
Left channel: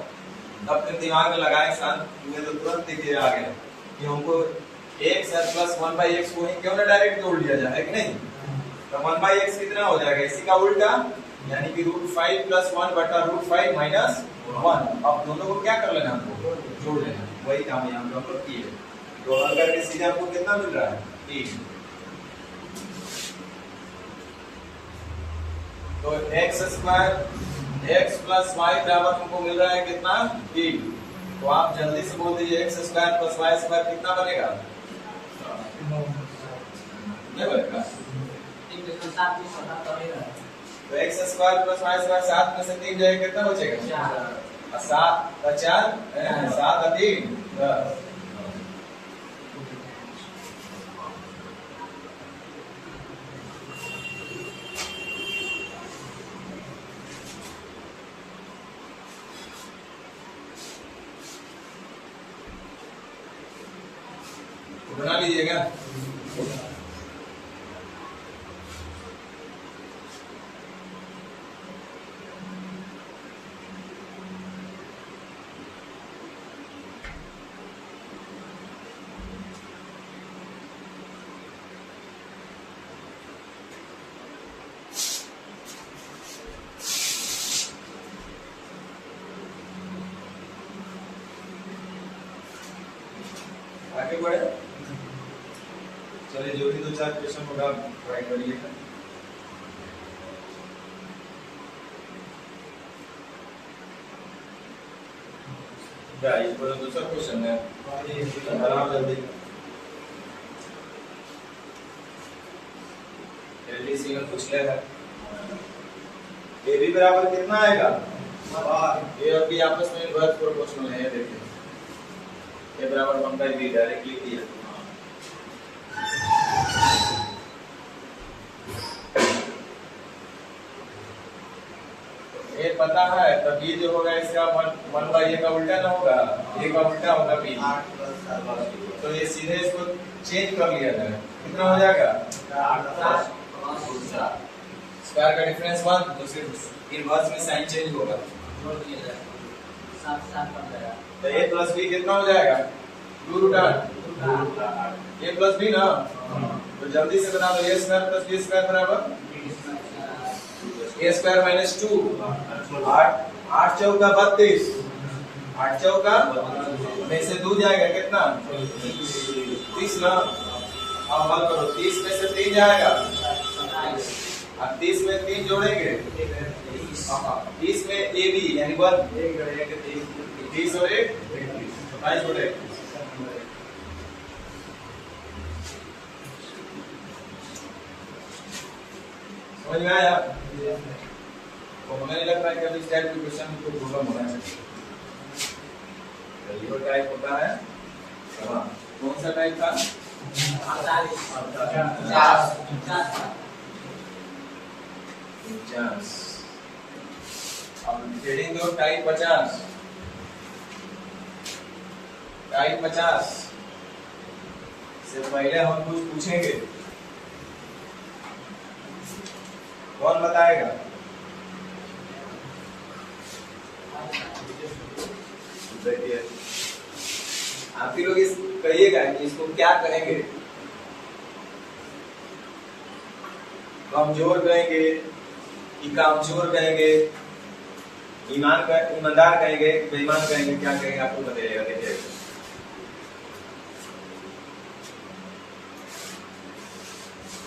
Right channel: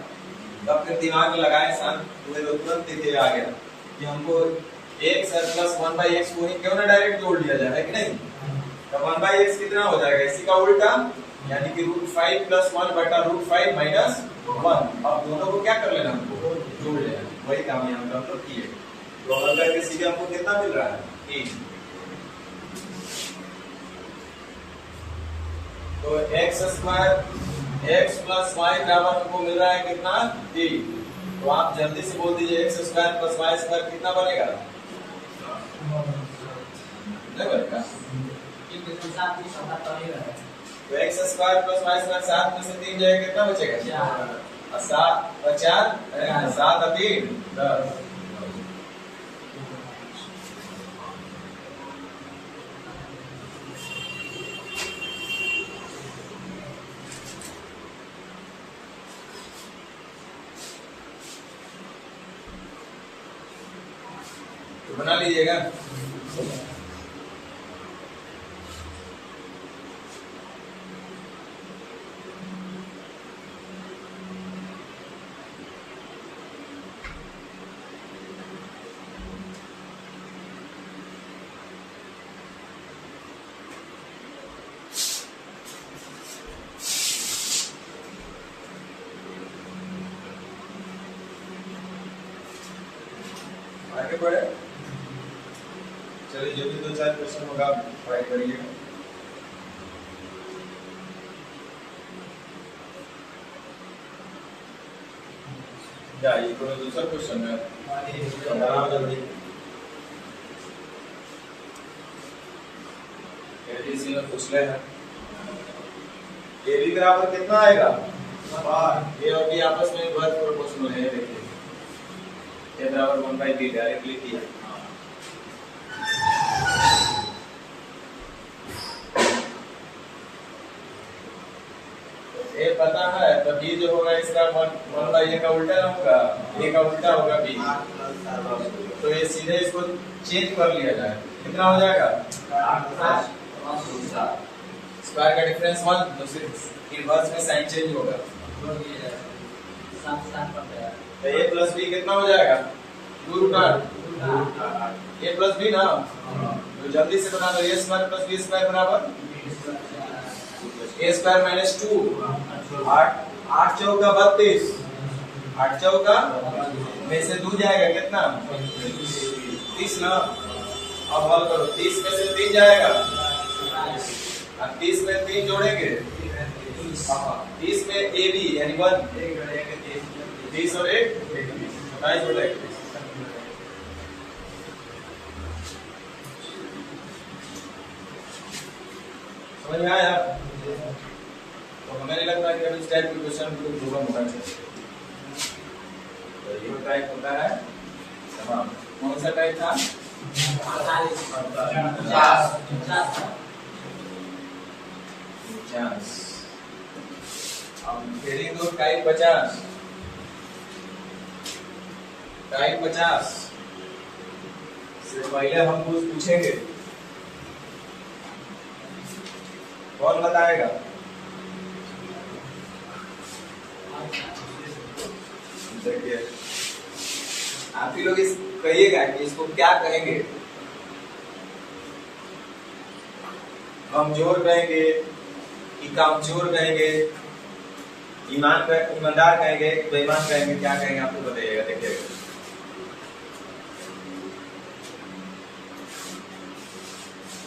तब फिर दिमाग में लगाए शांत हुए तो तुरंत दिखे आ गया कि हमको x प्लस 1/x को ही क्यों ना डायरेक्ट जोड़ लिया जाए, है कि नहीं। तो 1/x कितना हो जाएगा, इसी का उल्टा, यानी कि रूट 5 प्लस 1 बटा रूट 5 माइनस 1। अब दोनों को क्या कर लेना, हमको जोड़ लेना, वही काम यहाँ पे हम लोग किए। तो हल करके सीधे हमको कितना मिल रहा है 3। तो x square x plus y बराबर हमको मिल रहा है कितना 3। तो आप जल्दी से बोल दीजिए x square plus y square कितना बनेगा, नहीं बनेगा। तो x square plus y square 7 में से 3 जाएगा कितना बचेगा 7 और 4 7 और 3 10। बना लीजिएगा। आगे बढ़े, चलिए जो भी 2-4 क्वेश्चन होगा ट्राई करिएगा। क्या ये तो दूसरा क्वेश्चन है, बनाओ जल्दी। एलडीसी में पूछ लेना ए बी बराबर कितना आएगा, ए और बी आपस में इन्वर्स प्रोपोर्शनल है। देखिए ए बराबर 1/b डायरेक्टली किया। ए पता है तो b जो होगा इसका 1/a का उल्टा ना होगा, a का उल्टा होगा b। 8+7, तो ये सीधे इसको चेंज कर लिया जाए, कितना हो जाएगा 8+7। स्क्वायर का डिफरेंस 1, तो सिर्फ इनवर्स में साइन चेंज होगा। तो a प्लस b कितना हो जाएगा 2√8 a प्लस b ना, तो जल्दी से बना दो। a square plus b square बराबर a स्क्वायर माइनस 2, 8 चौका 32, 8 चौका में से 2 जाएगा कितना 30 ना। अब हल करो, 30 में से 3 जाएगा, अब 30 में 3 जोड़ेंगे, 30 में ए बी यानी 1, 30 और 1 27 हो जाएगा। समझ में आया? तो हमें नहीं लगता है कि अभी इस टाइप के क्वेश्चन को प्रॉब्लम होना चाहिए। तो ये टाइप होता है तमाम। कौन सा टाइप था 50। अब हेडिंग दो टाइप 50, टाइप 50 से पहले हम कुछ पूछेंगे, कौन बताएगा? देखिए आप ही लोग इस कहिएगा कि इसको क्या कहेंगे, कमजोर कहेंगे कि कामचोर कहेंगे, ईमानदार कहेंगे कि बेईमान कहेंगे, क्या कहेंगे आपको बताइएगा। देखिए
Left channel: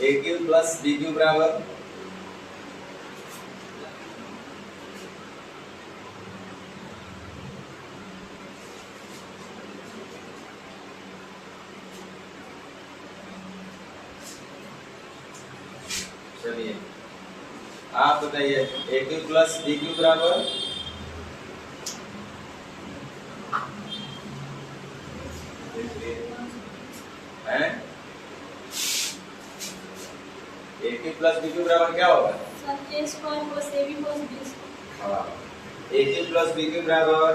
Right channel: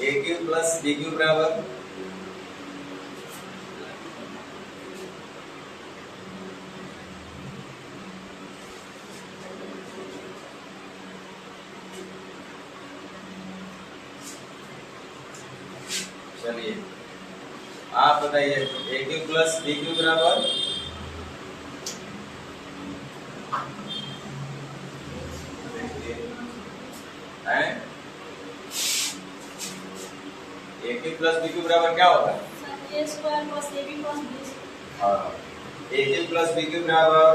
a cube plus b cube बराबर चलिए आप बताइए a cube plus b cube बराबर है a cube plus b cube बराबर क्या होगा a square plus a b plus b. हाँ a cube plus b cube बराबर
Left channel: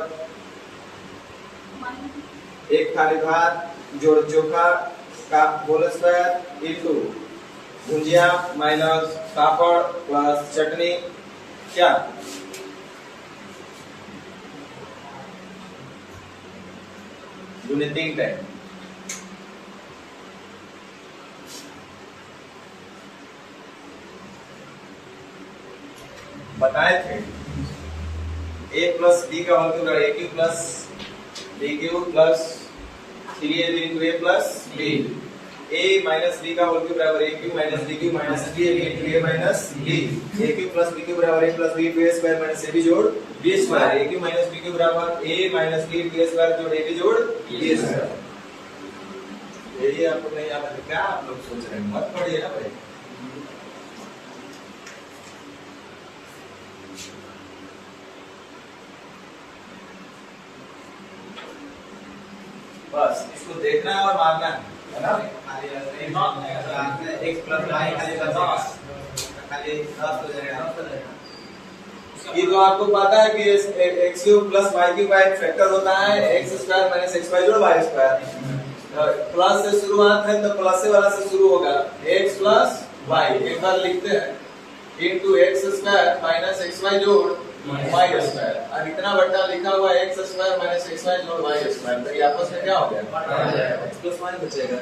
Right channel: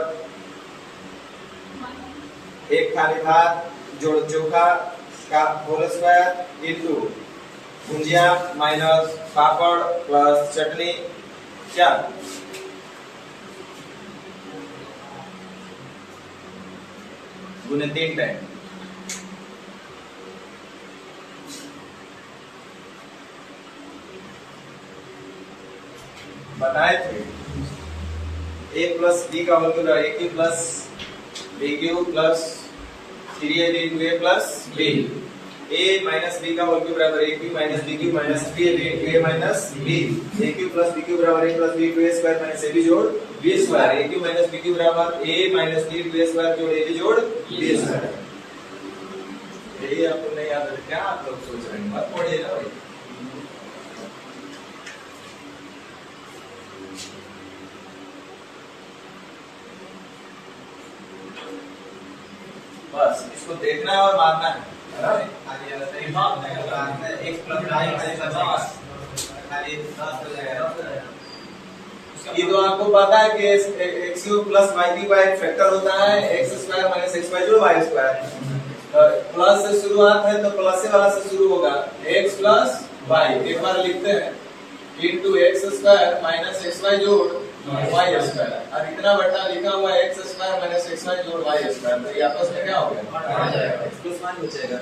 एक थाली भात जोड़ चोखा का होल स्क्वायर इनटू भुंजिया माइनस पापड़ प्लस चटनी क्या गुने 3 टाइम। बताए थे a प्लस b का whole cube a cube plus b cube plus 3ab into a plus b, a minus b का होल क्यूब बराबर a cube minus b cube minus 3ab into a minus b, a cube plus b cube बराबर a plus b into a square minus ab जोड़ b square, a cube minus b cube बराबर a minus b into a square जोड़ ab जोड़ b square. यही आपको नहीं याद है क्या आप लोग सोच रहे हैं, मत पढ़िए ना भाई। बस इसको देखना है और मारना है ना। x प्लस y खाली बचेगा, खाली 10 हो जाएगा। ये तो आपको पता है कि x cube plus y cube का एक फैक्टर होता है x स्क्वायर माइनस xy जोड़ y स्क्वायर। प्लस से शुरुआत है तो प्लस से वाला से शुरू होगा x प्लस वाई। एक बार लिखते हैं into x square minus x y जोड़ वाई स्क्वायर। और इतना बटा लिखा हुआ x square minus x y जोड़ वाई स्क्वायर, तो ये आपस में क्या हो गया? एक्स प्लस वाई बचेगा।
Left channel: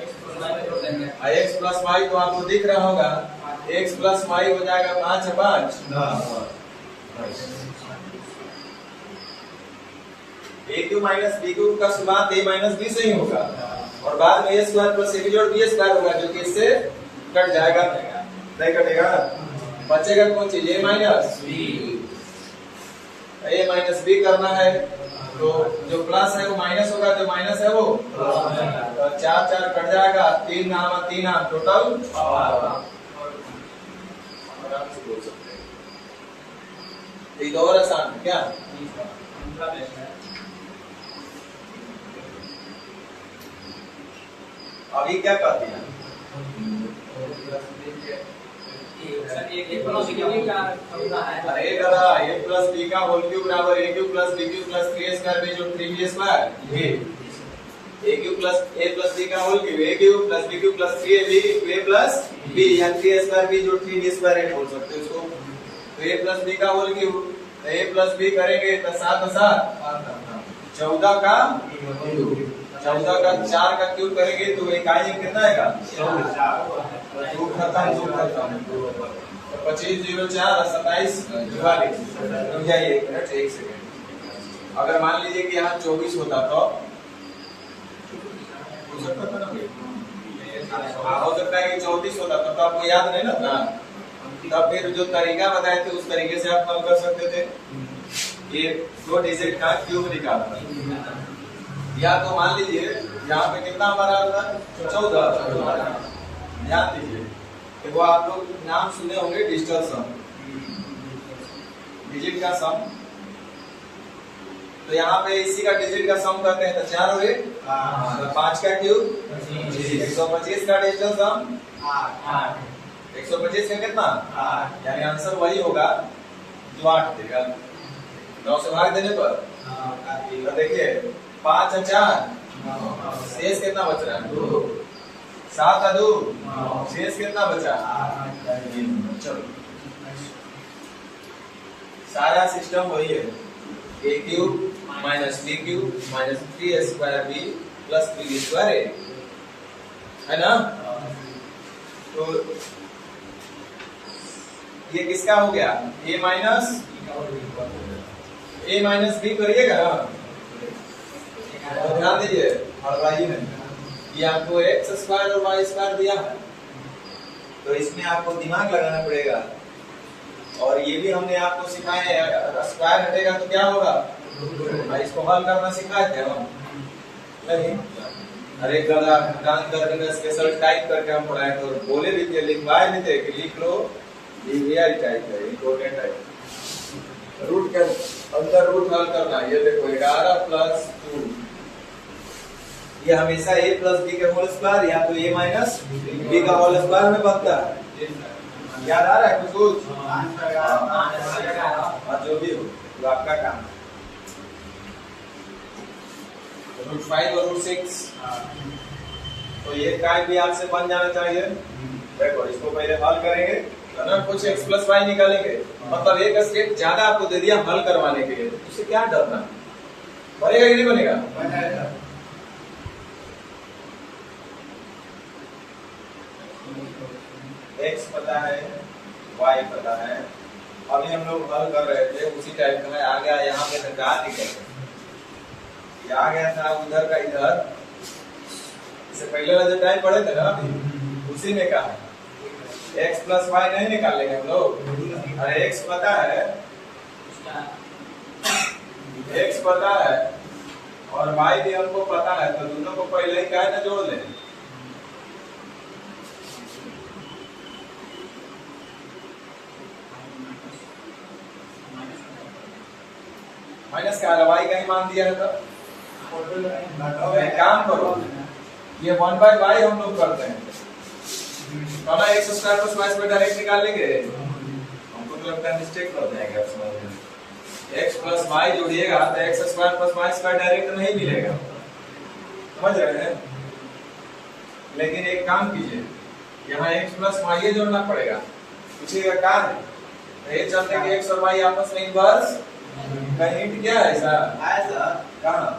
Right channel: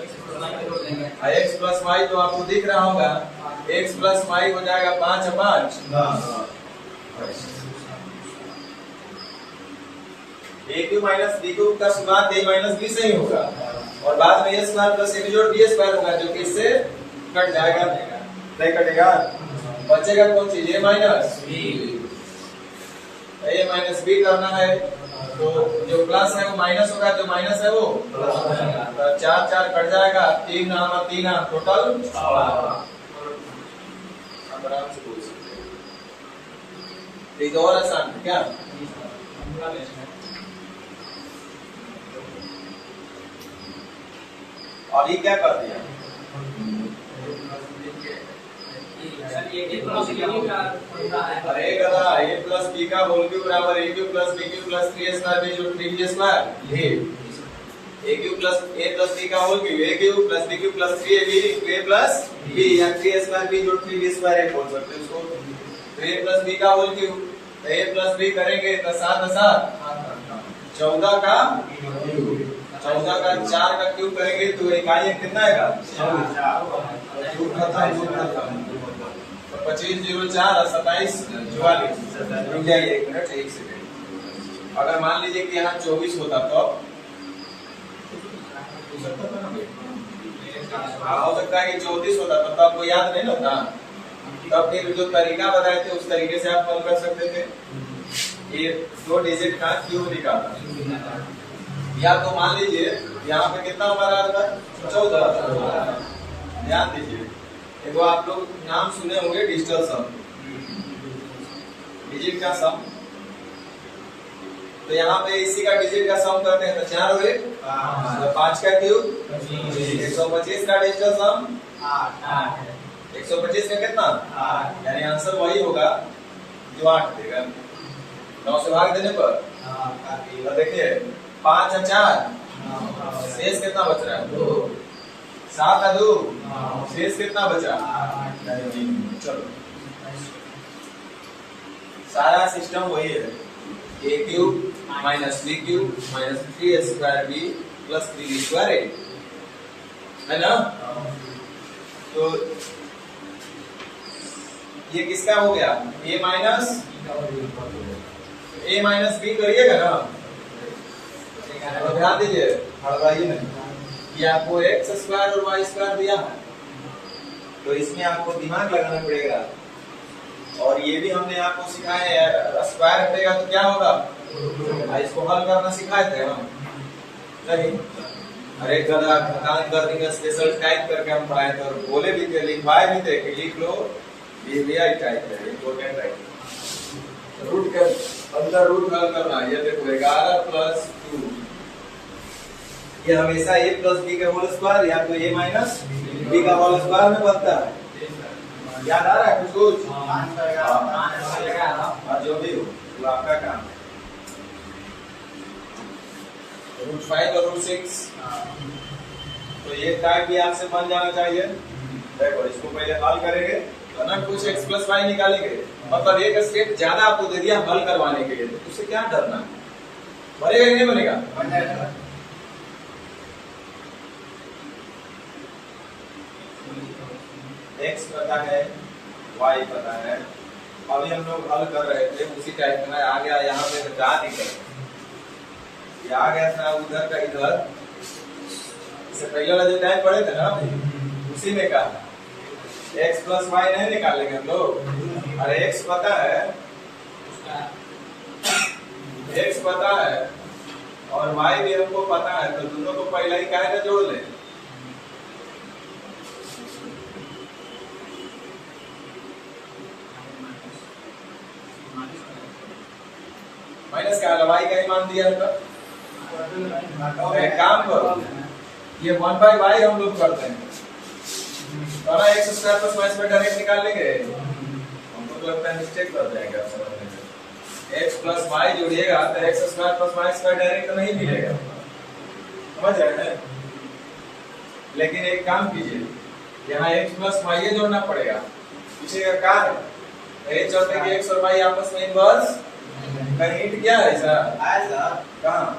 एक्स प्लस वाई तो आपको दिख रहा होगा, एक्स प्लस वाई हो जाएगा 5 5 ए क्यू माइनस बी क्यू का शुरुआत ए माइनस बी से ही होगा और बाद में ए स्क्वायर प्लस ए बी जोड़ बी स्क्वायर होगा, जो कि इससे कट जाएगा, नहीं कटेगा। बचेगा कौन चीज? ए माइनस बी। ए माइनस बी करना है तो जो प्लस है वो माइनस होगा, जो माइनस है वो तो 4 4 कट जाएगा, 3 नाम 3 नाम टोटल आराम से बोल सकते हैं। एक और आसान है क्या? अभी क्या कर दिया? अरे गधा, a प्लस b का होल क्यूब बराबर a cube plus b cube plus 3a square में जो 3b स्क्वायर ये a cube plus a plus b का whole cube a cube plus b cube plus 3ab a plus b या 3a square b जो 3b square है बोल सकते हैं इसको। तो a प्लस b का whole cube a plus b करेंगे तो 7 7 14 का क्यूब, 14 का 4 का क्यूब करेंगे तो इकाई कितना आएगा? 2 खत्म। तो 25 0 4 27 44। रुक जाइए 1 मिनट 1 सेकंड। अगर मान लीजिए कि यहाँ 24 होता तो हो सकता था ना भाई? हो सकता है कि 34 होता तो आपको याद नहीं ना, तब फिर जो तरीका बताए थे उस तरीके से आप हल कर सकते थे। ये 2 डिजिट का क्यूब निकालना, या तो मान लीजिए यहाँ पे कितना हमारा था? 14। ध्यान दीजिए, वो आप लोग नाम सुने होंगे डिजिटल सम, डिजिट का सम। तो यहाँ पे इसी का डिजिट का सम करते हैं तो 4 हुए, 5 का क्यूब 125 का डिजिटल सम 125 का कितना? यानी आंसर वही होगा जो 8 देगा। 9 से भाग देने पर तो देखिए 5 और 4 शेष कितना बच रहा है? 2। 7 और 2 शेष कितना बचा? 3। चलो सारा सिस्टम वही है, a cube minus b cube minus 3a square b plus 3b square है ना। तो ये किसका हो गया? a माइनस b करिएगा ना, और ध्यान दीजिए हड़बड़ाइए नहीं, ये आपको एक्स स्क्वायर और वाई स्क्वायर दिया है तो इसमें आपको दिमाग लगाना पड़ेगा। और ये भी हमने आपको सिखाया है, स्क्वायर हटेगा तो क्या होगा? इसको हल करना सिखाए थे हम नहीं? अरे गधा स्पेशल टाइप करके हम पढ़ाए थे और बोले भी थे, लिखवाए भी थे कि लिख लो, ये रियल टाइप है, इम्पोर्टेंट टाइप। रूट के अंदर रूट हल करना, ये देखो 11 प्लस 2, ये हमेशा a प्लस b का होल स्क्वायर या तो a माइनस b का होल स्क्वायर में बनता है। याद आ रहा है कुछ? और जो भी हो वो आपका काम है। रूट 5 और रूट 6 तो ये टाइप भी आपसे बन जाना चाहिए। देखो इसको पहले हल करेंगे तो ना कुछ x प्लस वाई निकालेंगे, मतलब एक स्टेप ज्यादा आपको दे दिया हल करवाने के लिए, तो उससे क्या डरना? बनेगा कि नहीं बनेगा? x पता है, y पता है, अभी हम लोग हल कर रहे थे उसी टाइप में आ गया। यहाँ पे तो क्या नहीं कर, ये आ गया था उधर का इधर, इससे पहले वाला जो टाइम पढ़े थे ना उसी में कहा x प्लस वाई नहीं निकालेंगे हम लोग। अरे x पता है, x पता है और y भी हमको पता है, तो दोनों को पहले ही क्या है जोड़ ले। माइनस क्या है? y का ही मान दिया है तो एक काम करो, ये 1/y हम लोग करते हैं तो ना x square plus y square direct निकाल लेंगे। हमको तो लगता है मिस्टेक कर जाएगा आप समझ में। x प्लस y जोड़िएगा तो x square plus y square direct नहीं मिलेगा, समझ रहे हैं? लेकिन एक काम कीजिए, यहाँ x प्लस वाई जोड़ना पड़ेगा। पूछिएगा क्या है, तो ये चलते कि x और y आपस में इनवर्स का हिंट क्या है सर? आया सर कहाँ?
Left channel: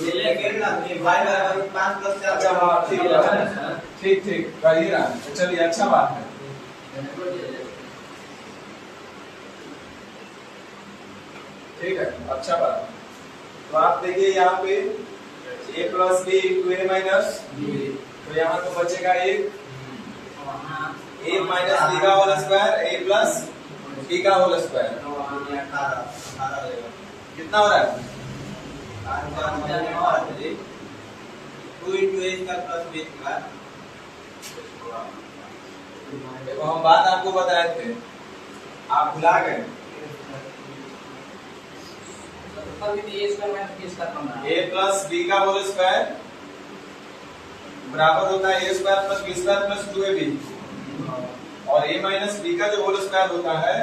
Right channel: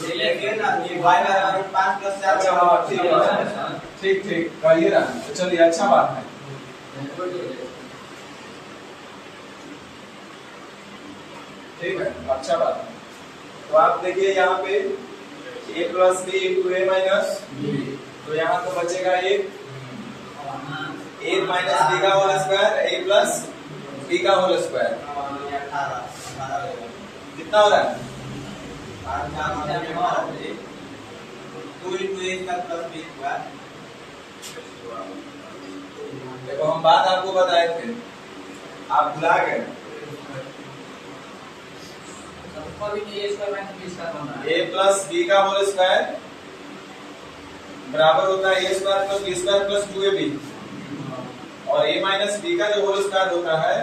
लेकिन ना ये y बराबर 5 + 4 अच्छा हाँ ठीक है, ठीक ठीक कहिए ना। तो चलिए अच्छा बात है। ठीक है अच्छा बात है। तो आप देखिए यहाँ पे a plus b into a minus, तो यहाँ तो बचेगा एक a माइनस b का whole square, a plus b का होल स्क्वायर। 18 कितना हो रहा है? 2 into a का प्लस b का। देखो हम बात आपको बताए थे, आप भुला गए। a प्लस b का होल स्क्वायर बराबर होता है a square plus b square plus 2ab, और a माइनस b का जो होल स्क्वायर होता है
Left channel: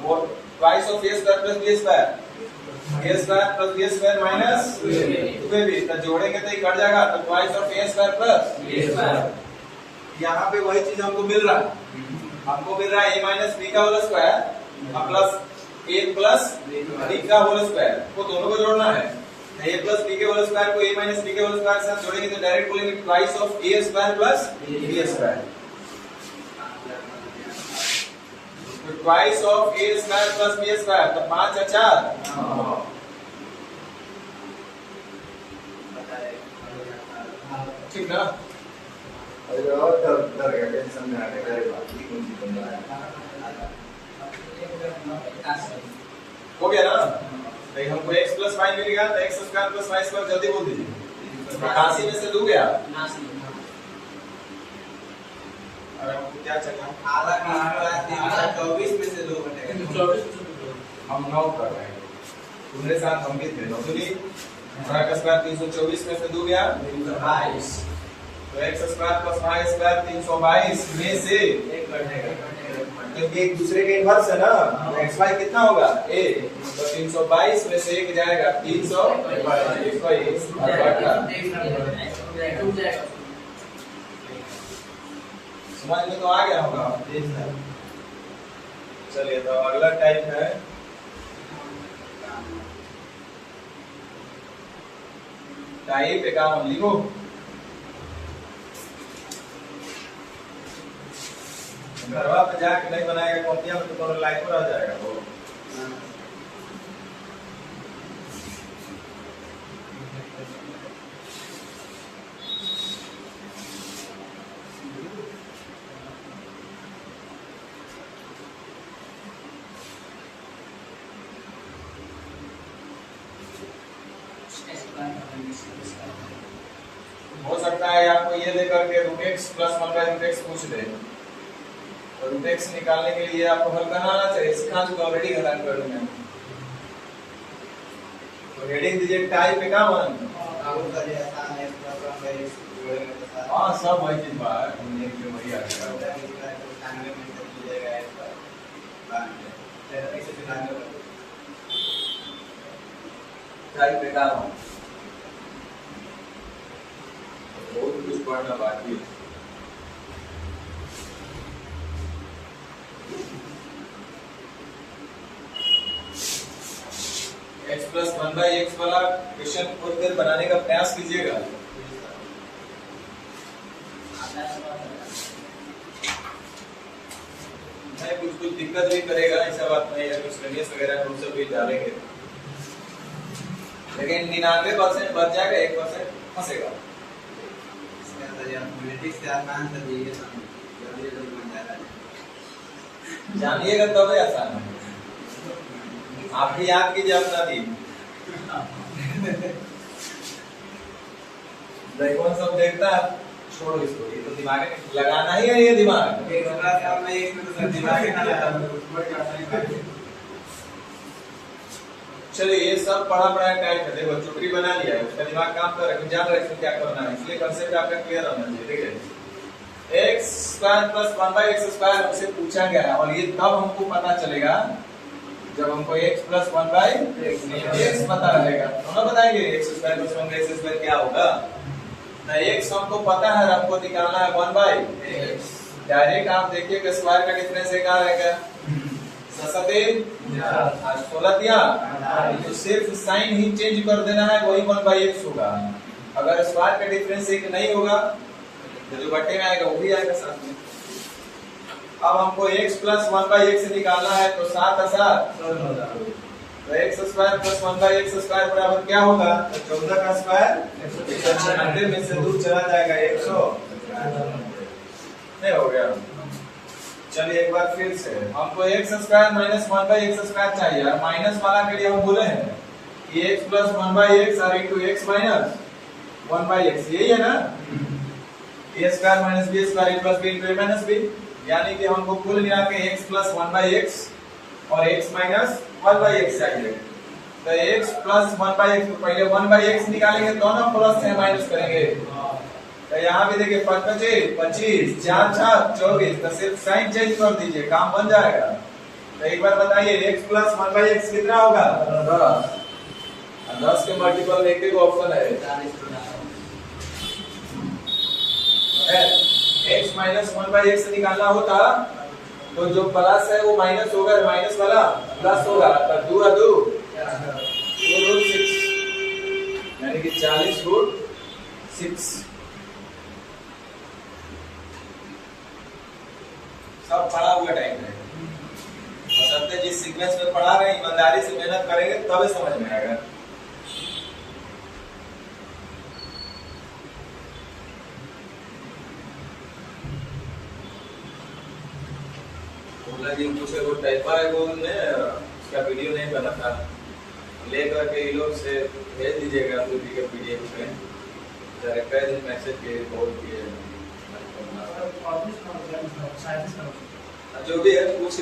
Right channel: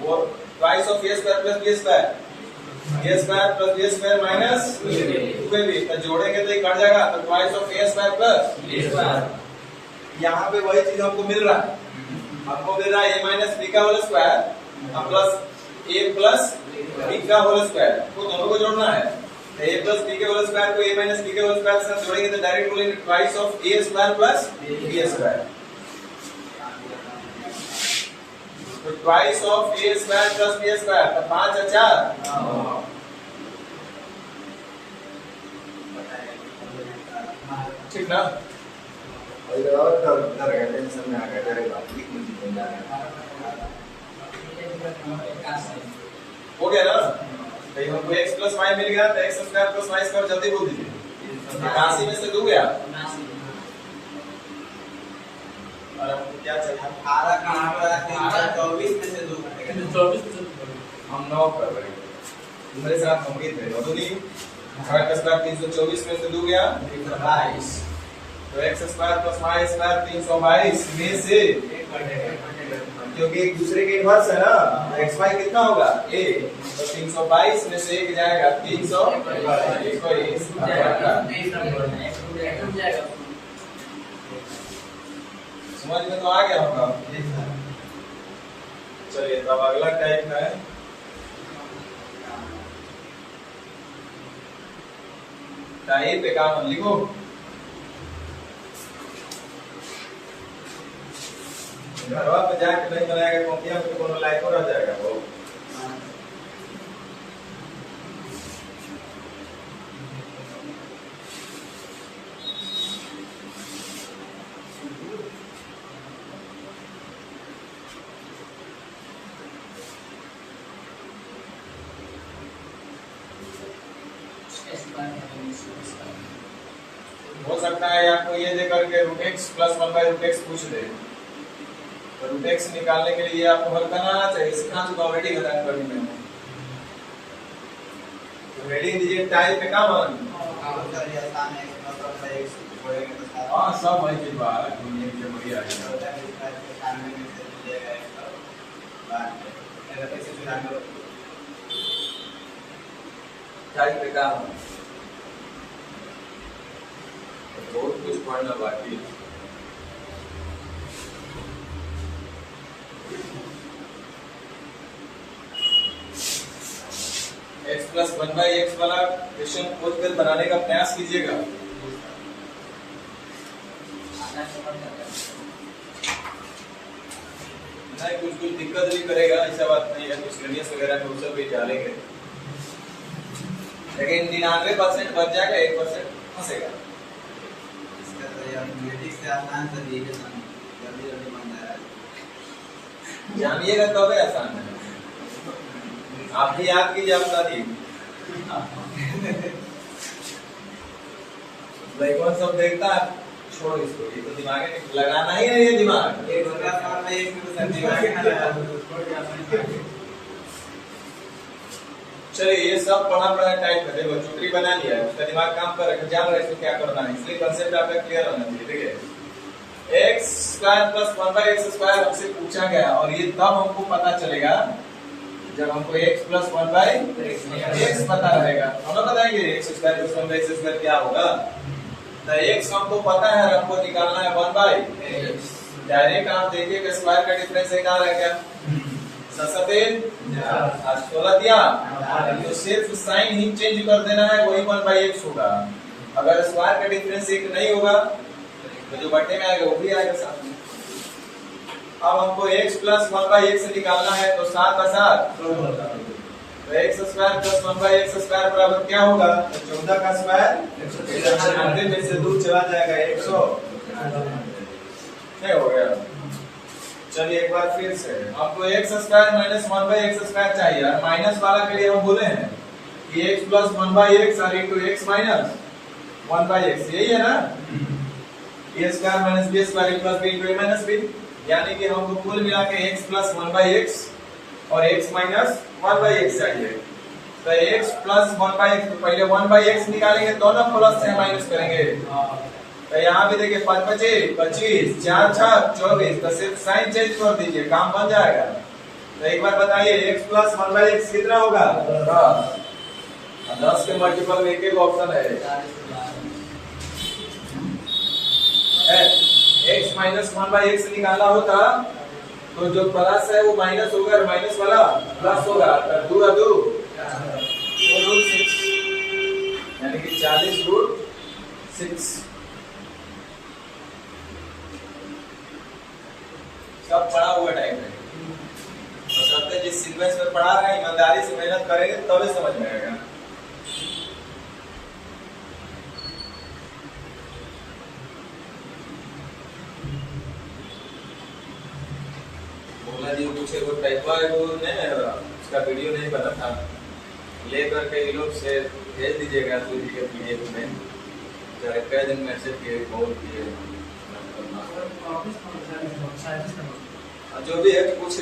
वो twice of a square plus b square, a square plus b square minus 2ab, तो जोड़ेंगे तो ये कट जाएगा, तो twice of a square plus b square. यहाँ पे वही चीज हमको मिल रहा है, हमको मिल रहा है a माइनस b का whole square plus a plus b का होल स्क्वायर, को दोनों को जोड़ना है। तो a प्लस b के होल स्क्वायर को a माइनस b के होल स्क्वायर से जोड़ेंगे तो डायरेक्ट बोलेंगे twice of a square plus b square. तो twice of a square plus b square, तो 5 और 4 ठीक ना? और डर गया, टेंशन में आ गया, डरेगा ठीक नहीं बन रहा हो गया ना? तो हमको x प्लस y मिल गया, तो x square plus y square जल्दी बोल दीजिए। 88 में से 2 गया, और हमको क्या चाहिए? 18 का 24 में से 2 घटेगा। 24 हम 9 कर रहे हैं, तुम्हारे साथ हम भी थे 9 दूनी 18 का स्क्वायर 324 में से 2 गया 322, तो x square plus y square 322 में से 1 घटेगा, क्योंकि एक दूसरे के इनवर्स है ना, x y कितना होगा a, तो 322 में से 1 जाएगा 321। समझ में तो आ गया होगा। चलिए तो अब अगला टाइप है टाइप 51, लिखो। घरवा पे जाके नहीं बनाएगा कॉपियां में तो कोनो लाइक रह जाएगा वो। हो सकता है आपको ये दे करके रूट एक्स प्लस 1/√x पूछ दे, तो रूट एक्स निकालने के लिए आपको हल करना आना चाहिए, सिखा चुका ऑलरेडी बताया कर में। तो हेडिंग दीजिए टाइप 51। हाँ सब वही चीज बात है, दुनिया के बढ़िया टाइप 51 बहुत कुछ पढ़ना बाकी है। x प्लस 1/x वाला क्वेश्चन खोज कर बनाने का प्रयास कीजिएगा। नहीं कुछ दिक्कत भी करेगा, ऐसा बात नहीं है, कुछ रेडियस वगैरह में सब भी डालेंगे, लेकिन 99% बच जाएगा, 1% फंसेगा। जानिएगा तबे आसान है, आप भी याद कीजिए अपना दी कौन सब देखता है, छोड़ो इसको, ये तो दिमाग में लगाना ही है, ये दिमाग चलिए ये सब पढ़ा पढ़ा टाइप है, देखो चुटकी बना लिया है, उसका दिमाग काम कर रहा है, जान रहा है इसको क्या करना है, इसलिए कंसेप्ट आपका क्लियर होना चाहिए। ठीक है, x square plus 1/x square हमसे पूछा गया, और ये तब हमको पता चलेगा जब हमको x प्लस 1/x पता रहेगा। हम बताएंगे x square plus 1/x square क्या होगा, तो x हमको पता है, आपको निकालना है 1/x। डायरेक्ट आप देखिए कि स्क्वायर का डिफरेंस एक आ रहा है क्या? 16 दिया, तो सिर्फ साइन ही चेंज कर देना है, वही 1/x होगा। अगर स्क्वायर का डिफरेंस एक नहीं होगा तो जो बट्टे में आएगा वो भी आएगा साथ में। अब हमको x प्लस 1/x से निकालना है, तो 7 का 7 तो x square plus 1/x square बराबर क्या होगा? 14 का स्क्वायर 196 में से 2 चला जाएगा 100 नहीं हो गया। चलिए एक बार फिर से, हमको x square minus 1/x square चाहिए, और माइनस वाला के लिए हम बोले हैं कि x प्लस 1/x और इंटू x माइनस 1/x, यही है ना? a square minus b square plus b into a minus b, यानी कि हमको कुल मिला के x प्लस 1/x और x माइनस 1/x चाहिए। तो x प्लस 1/x, तो पहले 1/x निकालेंगे, दोनों प्लस है माइनस करेंगे। तो यहाँ भी देखिए 5 25 25 4 6 24, तो सिर्फ साइन चेंज कर दीजिए, काम बन जाएगा। तो एक बार बताइए x प्लस 1/x कितना होगा? 10। 10 के मल्टीपल में एक ऑप्शन है x माइनस 1/x निकालना होता तो जो प्लस है वो माइनस होगा, माइनस वाला प्लस होगा, तो 2 2 रूट 6, यानी कि 40 रूट 6। सब पढ़ा हुआ टाइम है, बशर्ते जिस सीक्वेंस में पढ़ा रहे हैं ईमानदारी से मेहनत करेंगे तभी समझ में आएगा। बोला जी पूछे वो टाइपा है, वो ने उसका वीडियो नहीं बना था, लेकर के ये लोग से भेज दीजिएगा तो जी के पीडीएफ में। जरा कई दिन मैसेज किए, कॉल किए, जो भी है पूछ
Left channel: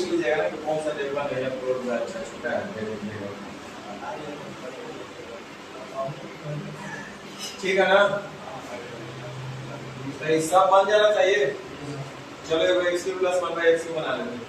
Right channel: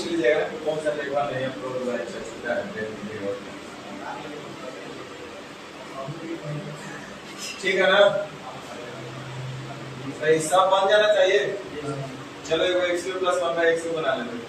लीजिएगा ना कि कौन सा टाइपा नहीं है, प्रो अच्छा छोटा है, भेज दीजिएगा। ठीक है ना? तो सब बन जाना चाहिए। चलो एगो x³ प्लस 1/x बना लेते हैं।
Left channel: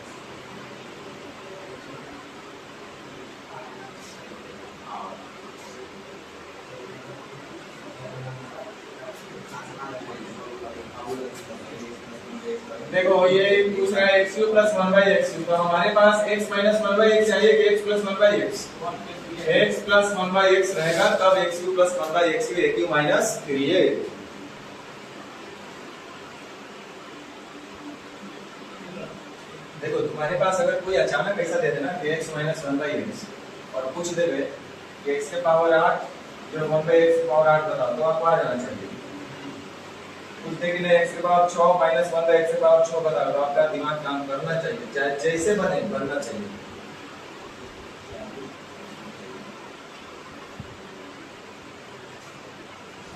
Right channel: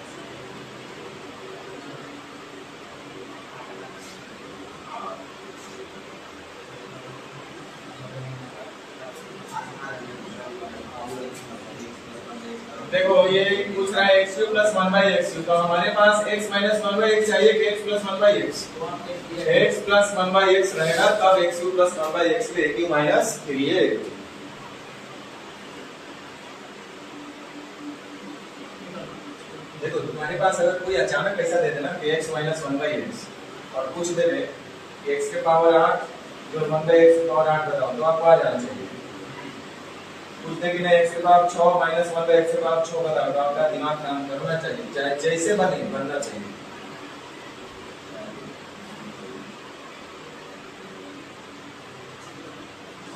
देखो ये पूछ रहा है x³ प्लस 1/x, तो हमारे पास x माइनस 1/x चाहिए कि x plus 1/x? x plus 1/x रहेगा तब x³ प्लस 1/x भी एक माइनस 3a। देखो तुम्हारे पास अगर कोई अचानक ऐसा दे देना कि x माइनस 1/x और पूछ दे कि x के पावर 8 जो 1/x के पावर 8 बताओ, तो आपको आ जाना चाहिए। पूछते कि नहीं x के पावर 6 माइनस 1/x के पावर 6 बताओ, तो आपका दिमाग काम करना चाहिए, जैसे बने बनना चाहिए।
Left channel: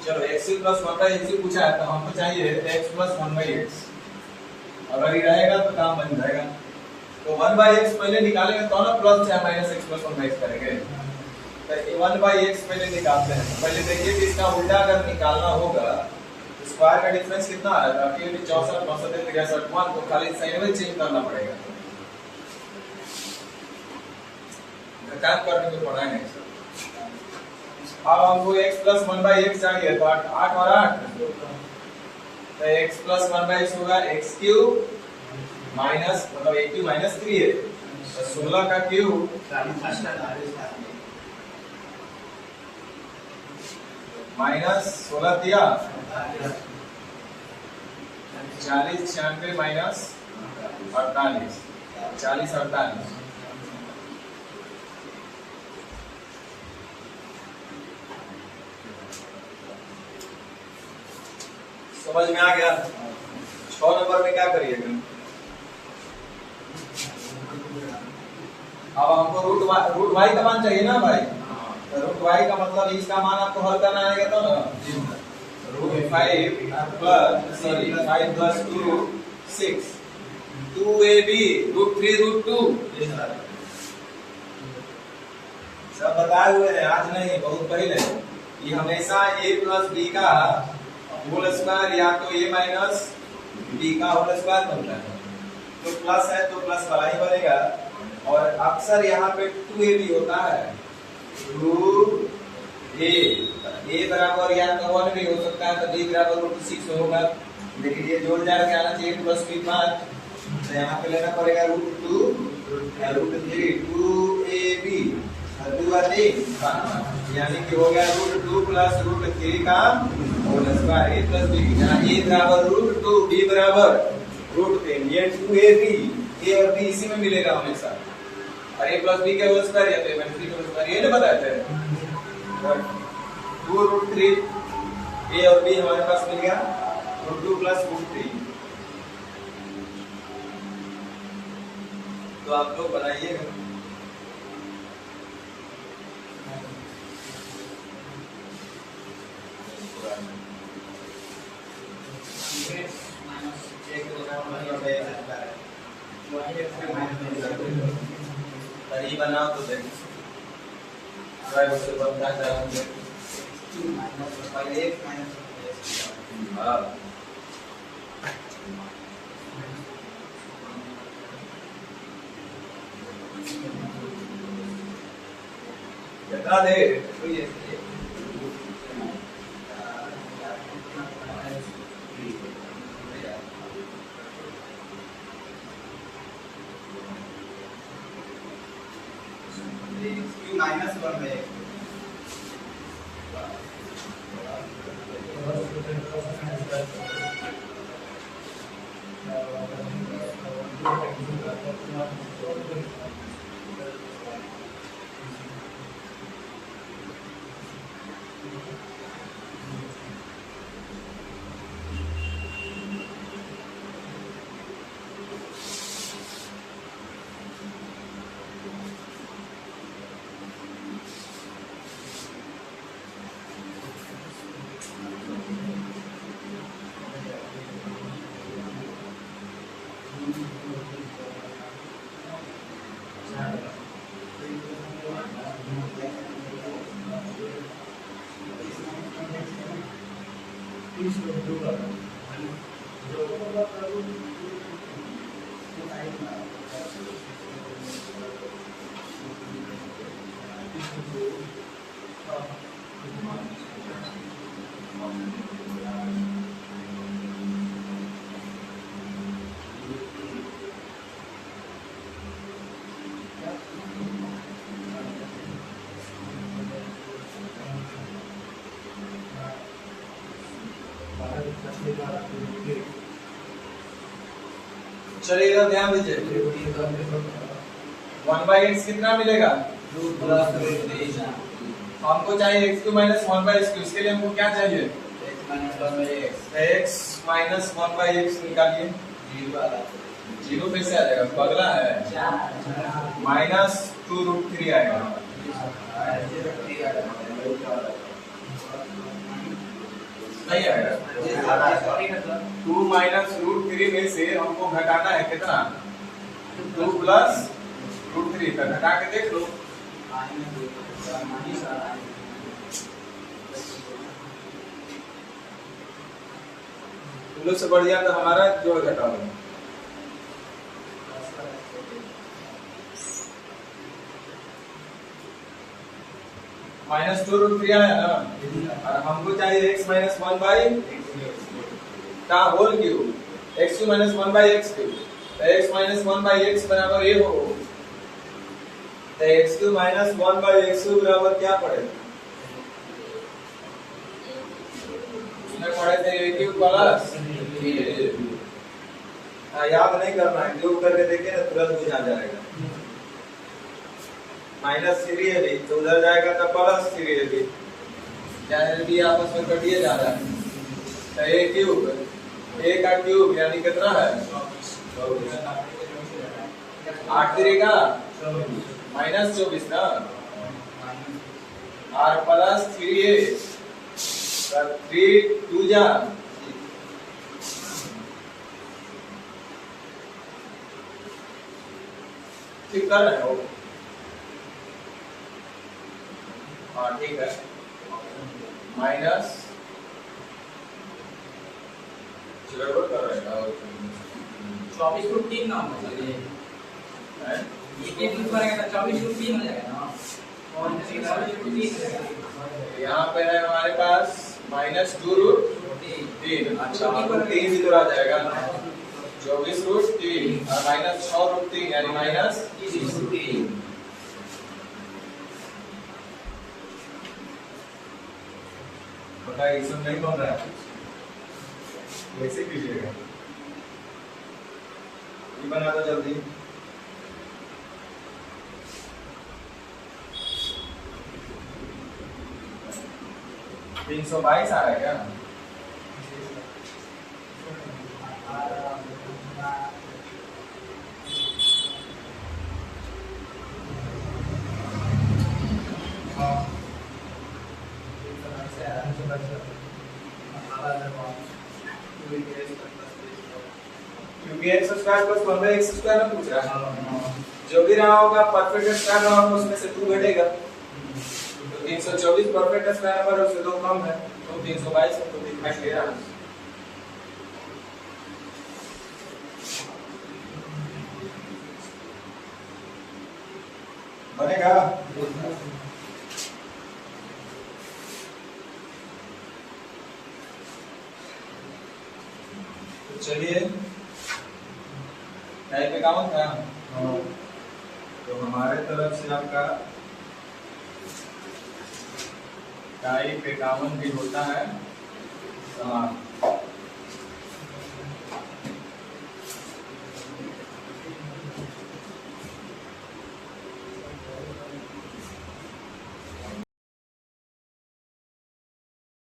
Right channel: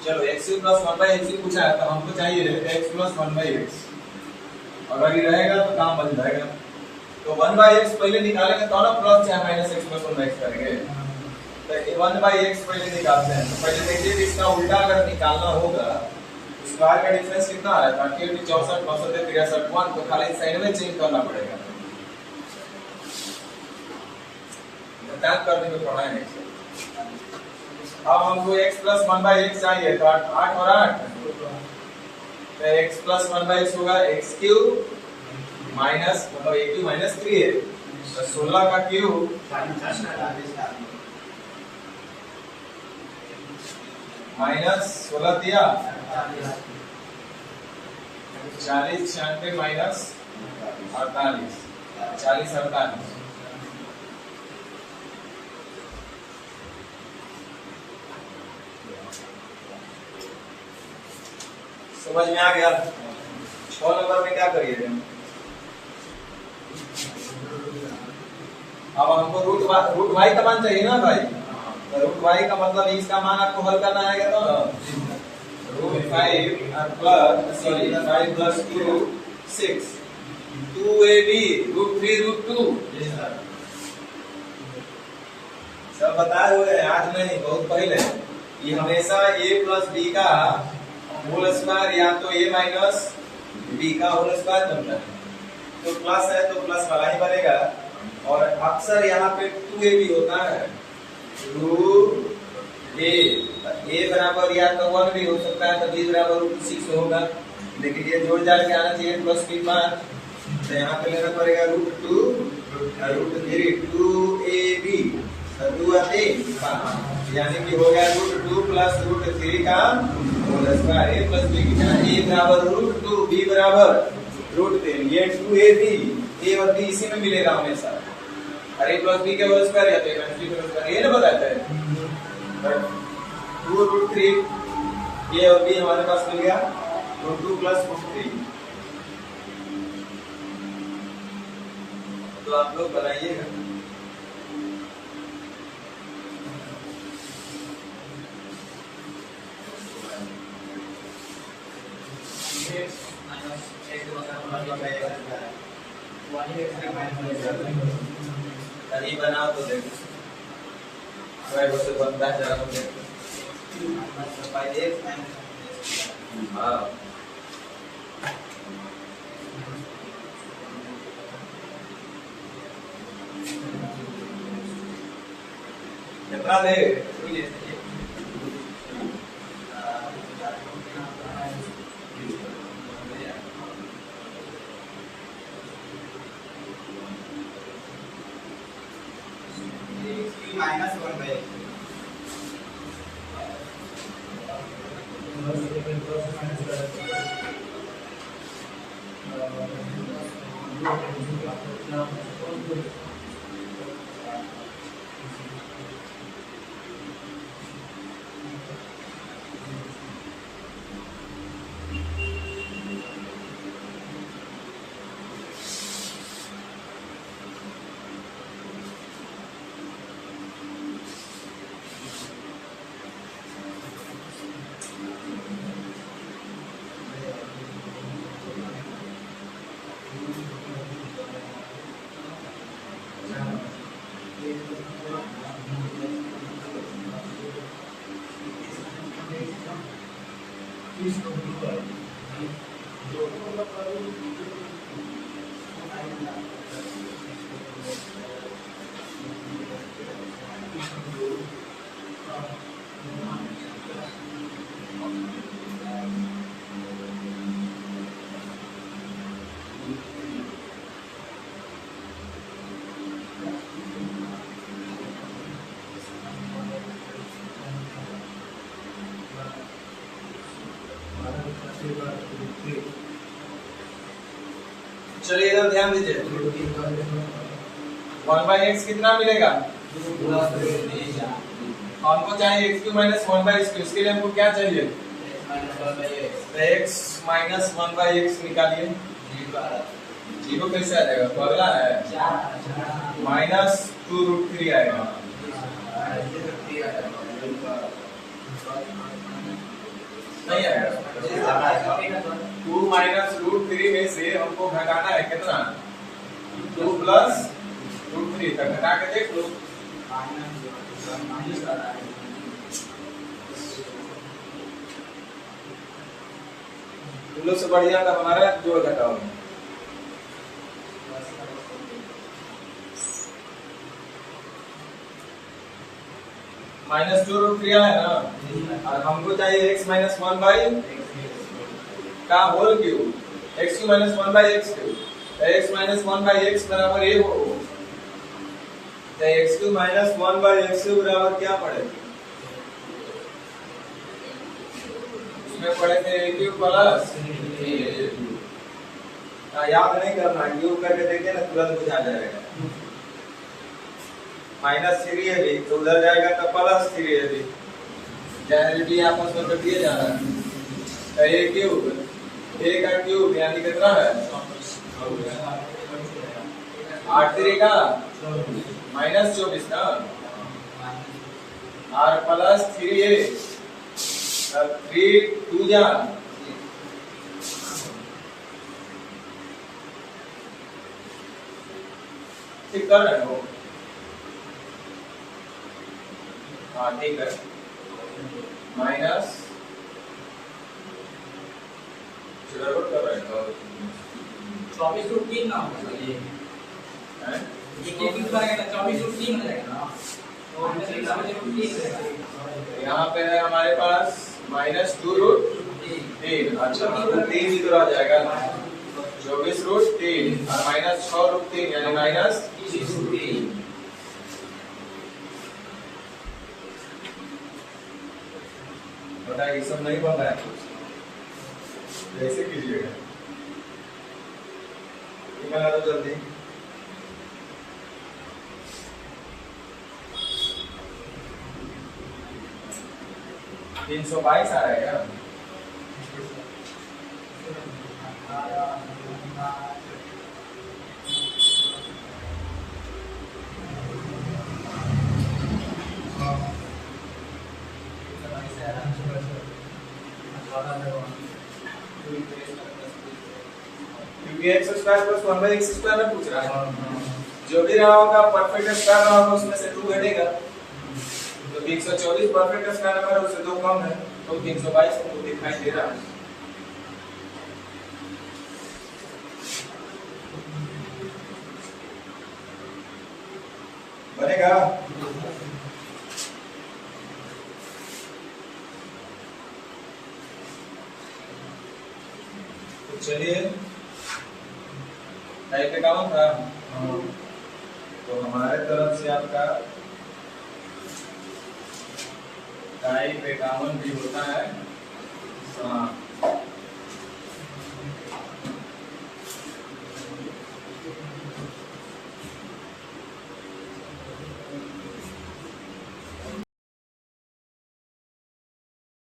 चलो x³ प्लस 1/x पूछा है, तो हमको चाहिए x प्लस 1/x, अगर ये रहेगा तो काम बन जाएगा। तो 1/x पहले निकालेंगे तो ना प्लस या माइनस x प्लस 1/x करेंगे। तो 1/x पहले निकालते हैं। तो पहले देखिए कि इसका उल्टा अगर निकालना होगा, स्क्वायर का डिफरेंस कितना आ रहा है? 38 64 62 63 1, तो खाली साइन में चेंज करना पड़ेगा। काम करने में पढ़ाई नहीं। अब हमको x प्लस 1/x चाहिए, तो 8 और 8 तो x प्लस 1/x होगा x³ माइनस मतलब a³ माइनस 3a, तो 16 का क्यूब माइनस 16 दिया 40 96 माइनस 48 40 48। समझ में आ गया? 6 नंबर में क्या करिएगा? अब हमको रूट y का मान चाहिए ना भाई, तो रूट y का मतलब इसका मान आपको हल करना आएगा तो ना, root 5 plus 5 plus 2 6 2ab root 3 root 2 सब बताए हुए हैं, आज नहीं बहुत पहले। ये हमेशा a प्लस b का होल स्क्वायर या तो a माइनस b का होल स्क्वायर बनता है, तो प्लस है तो प्लस वाला ही बनेगा। और अक्सर यहाँ पे 2ab होता है, 2a a बराबर या तो 1 भी हो सकता है, तो b बराबर √6 होगा। लेकिन ये जोड़ जाड़ के आना चाहिए प्लस b 5, तो यहाँ पे लेना पड़ेगा √2 √3 2ab 2 आते 5, यानी कि हो गया √2 प्लस √3 का whole square a plus b की जगह a बराबर √2 b बराबर √3, ये 2ab a और b इसी में मिलेगा हमेशा, और a प्लस b के होल स्क्वायर या तो a माइनस b के होल स्क्वायर, ये ना बताया था 2√3 a और b हमारे पास मिल गया, तो 2 प्लस √3। तो आप लोग बनाइएगा। ये बनाओ तो देखो से बनता है जरा मुझे। हाँ कितना दे -1/x चलिए इधर ध्यान दीजिए, 1/x कितना मिलेगा? हमको चाहिए x³ - 1/x³, उसके लिए हमको क्या चाहिए? x - 1/x निकालिए। 0 कैसे आ जाएगा? पगला है, -2√3 आएगा। नहीं आएगा। 2 -√3 में से हमको घटाना है कितना? 2 प्लस √3, तक घटा के देख लो। तुम लोग से बढ़िया तो हमारा जोड़ घटाओ। -2√3 आया ना, और हमको चाहिए x - 1/x का whole cube, x³ - 1/x³, x - 1/x बराबर a हो, तो x³ - 1/x³ बराबर क्या पड़ेगा? उसमें पड़े थे a³ प्लस याद नहीं करना है, क्यूब करके देखे ना तुरंत बुझा जाएगा। -3ab तो उधर जाएगा तो +3ab, b आपस में कटिए जा रहा है, तो a³ a का क्यूब यानी कितना है? 8 3 का -24 ना, और +3a 3 2 जा ठीक कर रहे हो? हाँ ठीक है, माइनस गड़बड़ कर रहे हैं 24√3 ना ये 24√3 हो जाएगा ना। यहाँ पे है हमारे पास -2√3। अच्छा, 3 इधर आ जाएगा, 24√3 और -6√3 यानी -30√3। बता, ये सब नहीं बन रहा है, कैसे कीजिएगा? बना दो जल्दी। 322 आ रहा है क्या? क्योंकि x square plus 1/x square में पूछ रहा है, जो भी रहा होगा परफेक्ट स्क्वायर रहा होगा उसमें से 2 घटेगा। तो 324 परफेक्ट स्क्वायर नंबर उससे 2 कम है, तो 322 को दिखाई दे रहा है। बनेगा? तो चलिए, टाइप पे काम था, तो हमारे तरफ से आपका टाइप पे काम भी होता है।